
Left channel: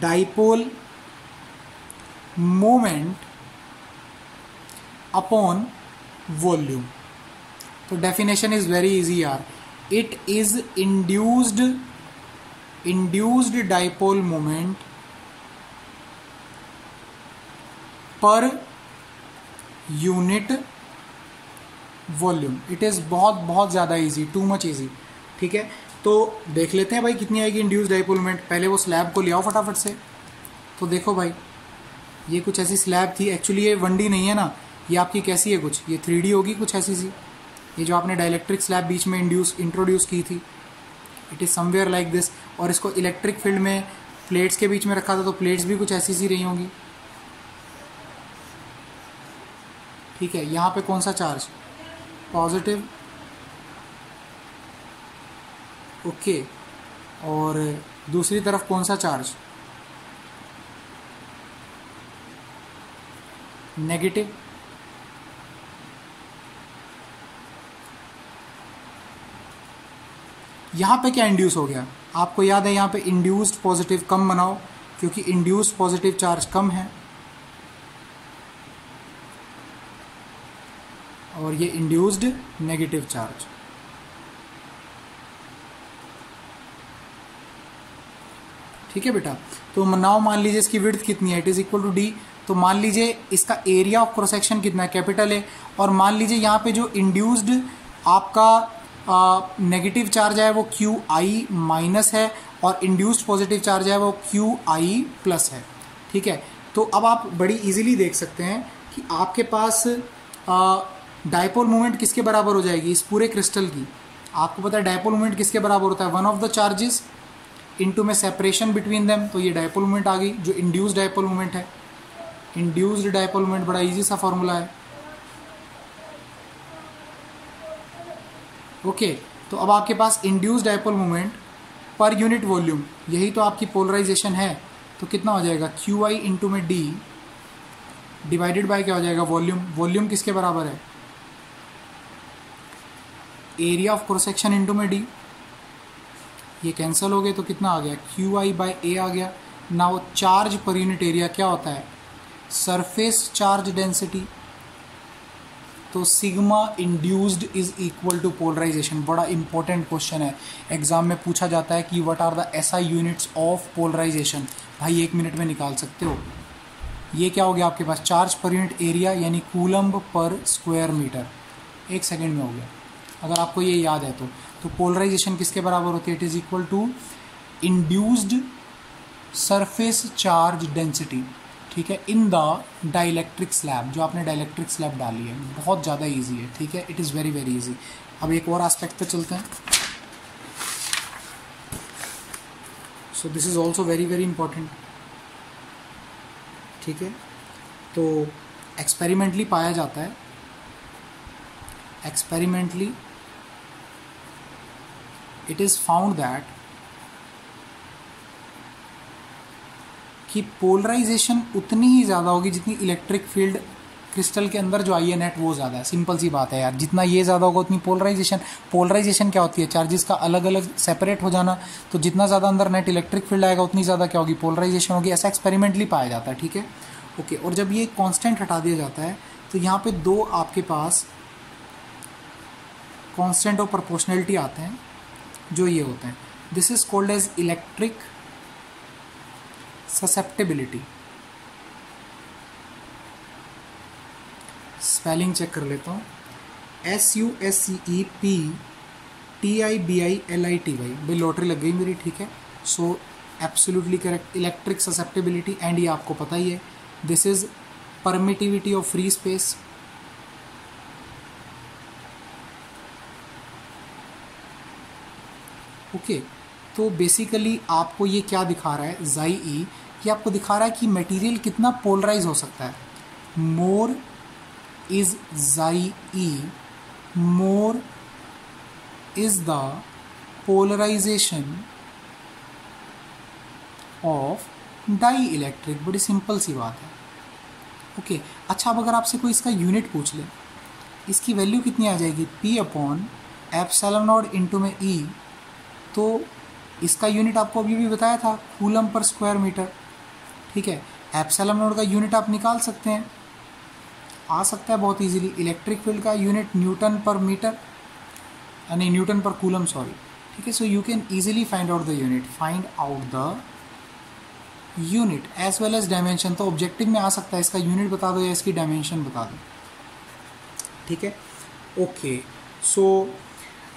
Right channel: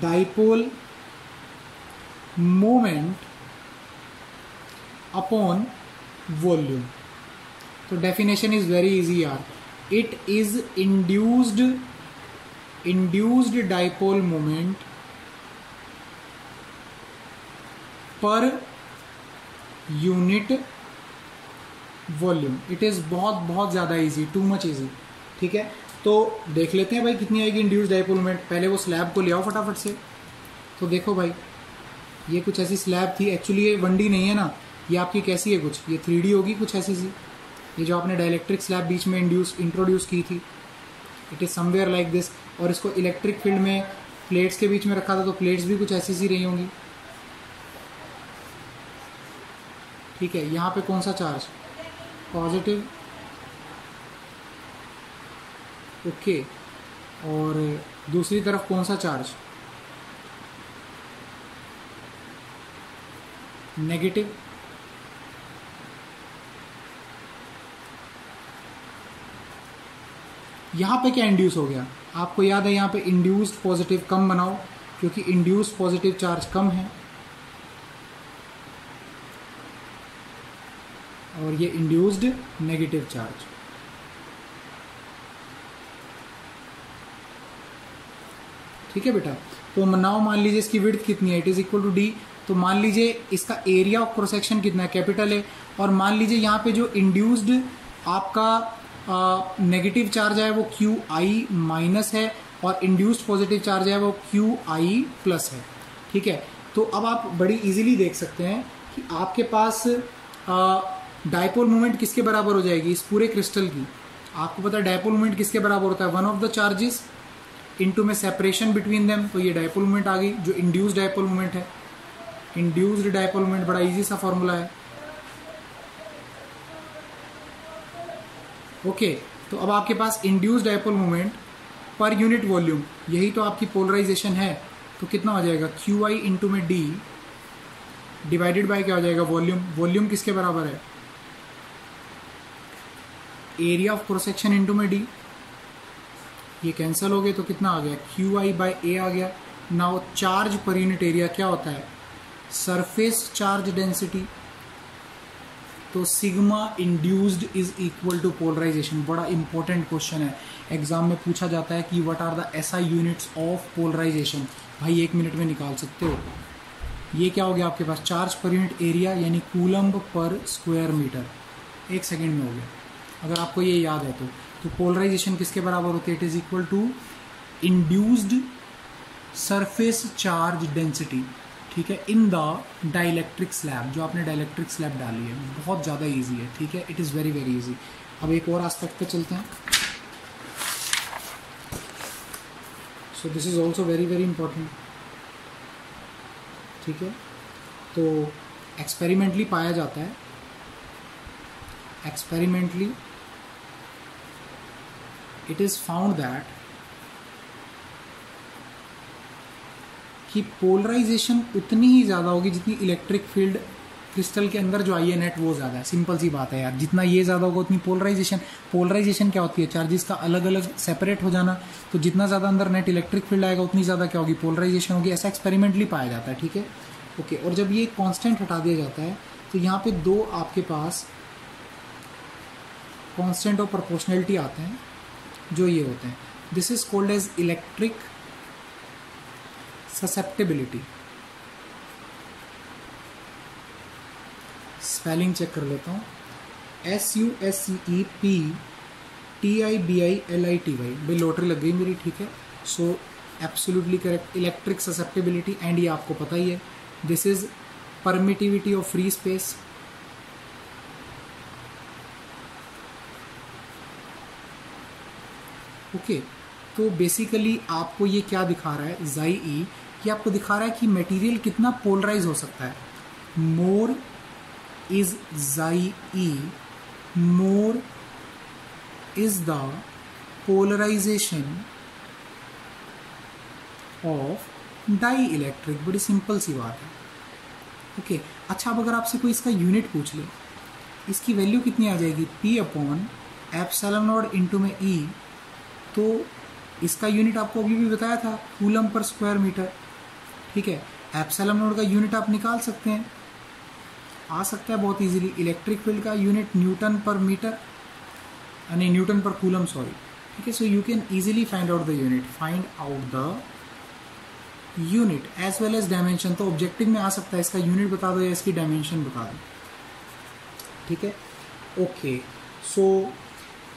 dipole moment upon volume. तो डेफिनेशन इज वेरी इजी यार, it is induced dipole moment per unit volume. It is बहुत ज्यादा इजी, टू मच इजी। ठीक है, तो देख लेते हैं भाई कितनी आएगी इंड्यूस्ड डाइपोल मोमेंट। पहले वो स्लैब को ले आओ फटाफट से। तो देखो भाई, ये कुछ ऐसी स्लैब थी, एक्चुअली ये 1D नहीं है ना, ये आपकी कैसी है, कुछ ये 3D होगी, कुछ ऐसी सी। ये जो आपने डाइलेक्ट्रिक स्लैब बीच में इंट्रोड्यूस की थी, it is somewhere like this. और इसको इलेक्ट्रिक फील्ड में प्लेट्स के बीच में रखा था, तो प्लेट्स भी कुछ ऐसी सी रही होंगी। ठीक है, यहाँ पे कौन सा चार्ज, पॉजिटिव। ओके, और दूसरी तरफ कौन सा चार्ज, नेगेटिव। यहां पे क्या इंड्यूस हो गया, आपको याद है यहां पे इंड्यूस्ड पॉजिटिव कम बनाओ, क्योंकि इंड्यूस्ड पॉजिटिव चार्ज कम है और ये इंड्यूस्ड नेगेटिव चार्ज। ठीक है बेटा, तो नाउ मान लीजिए इसकी विड्थ कितनी है, it is equal to D. तो मान लीजिए इसका एरिया ऑफ क्रॉस सेक्शन कितना है, कैपिटल है। और मान लीजिए यहाँ पे जो इंड्यूस्ड आपका नेगेटिव चार्ज है वो QI माइनस है, और इंड्यूस्ड पॉजिटिव चार्ज है वो QI प्लस है। ठीक है, तो अब आप बड़ी इजीली देख सकते हैं कि आपके पास डाइपोल मोमेंट किसके बराबर हो जाएगी, इस पूरे क्रिस्टल की। आपको पता है डाइपोल मोमेंट किसके बराबर होता है, one of the charges into में सेपरेशन बिटवीन देम। तो ये डाइपोल मोमेंट आ गई, जो इंड्यूस्ड डाइपोल मोमेंट है। इंड्यूस्ड डाइपोल मोमेंट बड़ा इजी सा फॉर्मूला है। ओके, तो अब आपके पास induced dipole moment per unit volume, यही तो आपकी पोलराइजेशन है। तो कितना हो जाएगा, QI इंटू में D डिवाइडेड बाय क्या हो जाएगा, वॉल्यूम। वॉल्यूम किसके बराबर है, area of cross section into में D। ये कैंसिल हो गए तो कितना आ गया, QI बाय A आ गया। Now charge per unit area क्या होता है, सरफेस चार्ज डेंसिटी। तो sigma induced is equal to polarization. बड़ा इंपॉर्टेंट क्वेश्चन है, एग्जाम में पूछा जाता है कि what are the SI units of polarization. भाई 1 मिनट में निकाल सकते हो। ये क्या हो गया आपके पास, चार्ज पर यूनिट एरिया यानी कूलम्ब पर स्क्वायर मीटर। 1 सेकेंड में हो गया, अगर आपको ये याद है तो पोलराइजेशन किसके बराबर होती है, it is equal to induced surface charge density. ठीक है, इन द डाइलेक्ट्रिक स्लैब, जो आपने डाइलेक्ट्रिक स्लैब डाली है। बहुत ज़्यादा इजी है। ठीक है, it is very very easy. अब एक और एस्पेक्ट पे चलते हैं। सो this is also very very important. ठीक है, तो एक्सपेरिमेंटली पाया जाता है, experimentally it is found that कि पोलराइजेशन उतनी ही ज़्यादा होगी जितनी इलेक्ट्रिक फील्ड क्रिस्टल के अंदर जो आई है नेट वो ज़्यादा है। सिंपल सी बात है यार, जितना ये ज़्यादा होगा उतनी पोलराइजेशन क्या होती है, चार्जेस का अलग अलग सेपरेट हो जाना। तो जितना ज़्यादा अंदर नेट इलेक्ट्रिक फील्ड आएगा उतनी ज़्यादा क्या होगी, पोलराइजेशन होगी। ऐसा एक्सपेरिमेंटली पाया जाता है। ठीक है, ओके। और जब ये कॉन्स्टेंट हटा दिया जाता है तो यहाँ पे 2 आपके पास कॉन्स्टेंट ऑफ प्रोपोर्शनलिटी आते हैं, जो ये होते हैं। This is called as electric susceptibility, spelling check कर लेता हूँ, SUSCEPTIBILITY, भाई लॉटरी लग गई मेरी, ठीक है। So absolutely correct, electric susceptibility, and ये आपको पता ही है, this is permittivity of free space. Okay, तो बेसिकली आपको ये क्या दिखा रहा है, जाई ई, ये आपको दिखा रहा है कि मटेरियल कितना पोलराइज हो सकता है। More is chi E, more is the polarisation of dielectric. बड़ी सिंपल सी बात है। ओके, अच्छा, अब अगर आपसे कोई इसका यूनिट पूछ ले, इसकी वैल्यू कितनी आ जाएगी, P/ε0 इंटू में E, तो इसका यूनिट आपको अभी भी बताया था, कूलम पर स्क्वायर मीटर, ठीक है। ε0 का यूनिट आप निकाल सकते हैं, आ सकता है बहुत इजीली। इलेक्ट्रिक फील्ड का यूनिट न्यूटन पर मीटर, यानी न्यूटन पर कूलम, सॉरी, ठीक है। So you can easily find out the unit, find out the unit as well as dimension. तो ऑब्जेक्टिव में आ सकता है, इसका यूनिट बता दो या इसकी डायमेंशन बता दो, ठीक है। ओके, सो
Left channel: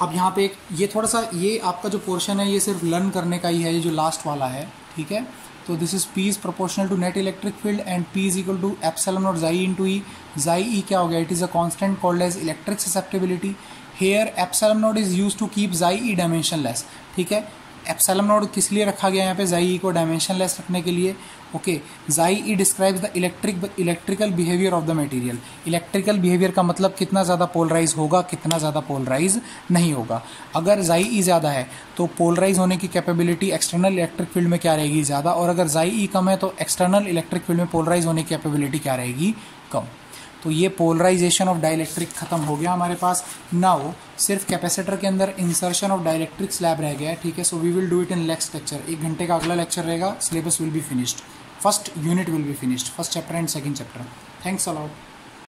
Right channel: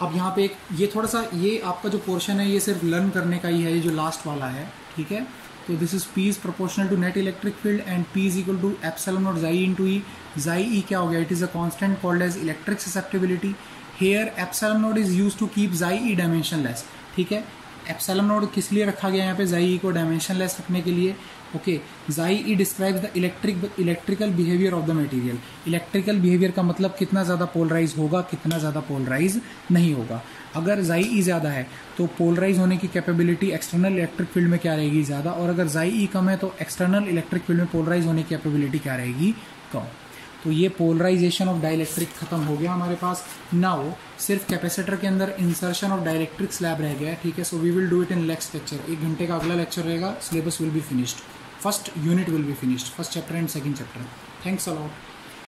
अब यहाँ पे ये थोड़ा सा, ये आपका जो पोर्शन है ये सिर्फ लर्न करने का ही है, ये जो लास्ट वाला है, ठीक है। तो this is P is proportional to net electric field and P is equal to ε0 chi into E. Chi E क्या हो गया, it is a constant called as electric susceptibility. Here ε0 is use to keep chi E dimensionless, ठीक है। ε0 किस लिए रखा गया यहाँ पे, जाई ई को डायमेंशनलेस रखने के लिए। Okay, chi E describes the electrical behaviour of the material. Electrical behaviour का मतलब कितना ज़्यादा पोलराइज होगा, कितना ज़्यादा पोलराइज नहीं होगा। अगर जाई ई ज़्यादा है तो पोलराइज होने की कैपेबिलिटी एक्सटर्नल इलेक्ट्रिक फील्ड में क्या रहेगी, ज़्यादा, और अगर जाई ई कम है तो एक्सटर्नल इलेक्ट्रिक फील्ड में पोलराइज होने की कैपेबिलिटी क्या रहेगी, कम। तो ये पोलराइजेशन ऑफ डाइलेक्ट्रिक खत्म हो गया हमारे पास। नाउ सिर्फ कैपेसिटर के अंदर इंसर्शन ऑफ डाइलेक्ट्रिक स्लैब रह गया है, ठीक है। So we will do it in next lecture. 1 घंटे का अगला लेक्चर रहेगा, syllabus will be finished, first unit will be finished, first chapter and second chapter. Thanks a lot.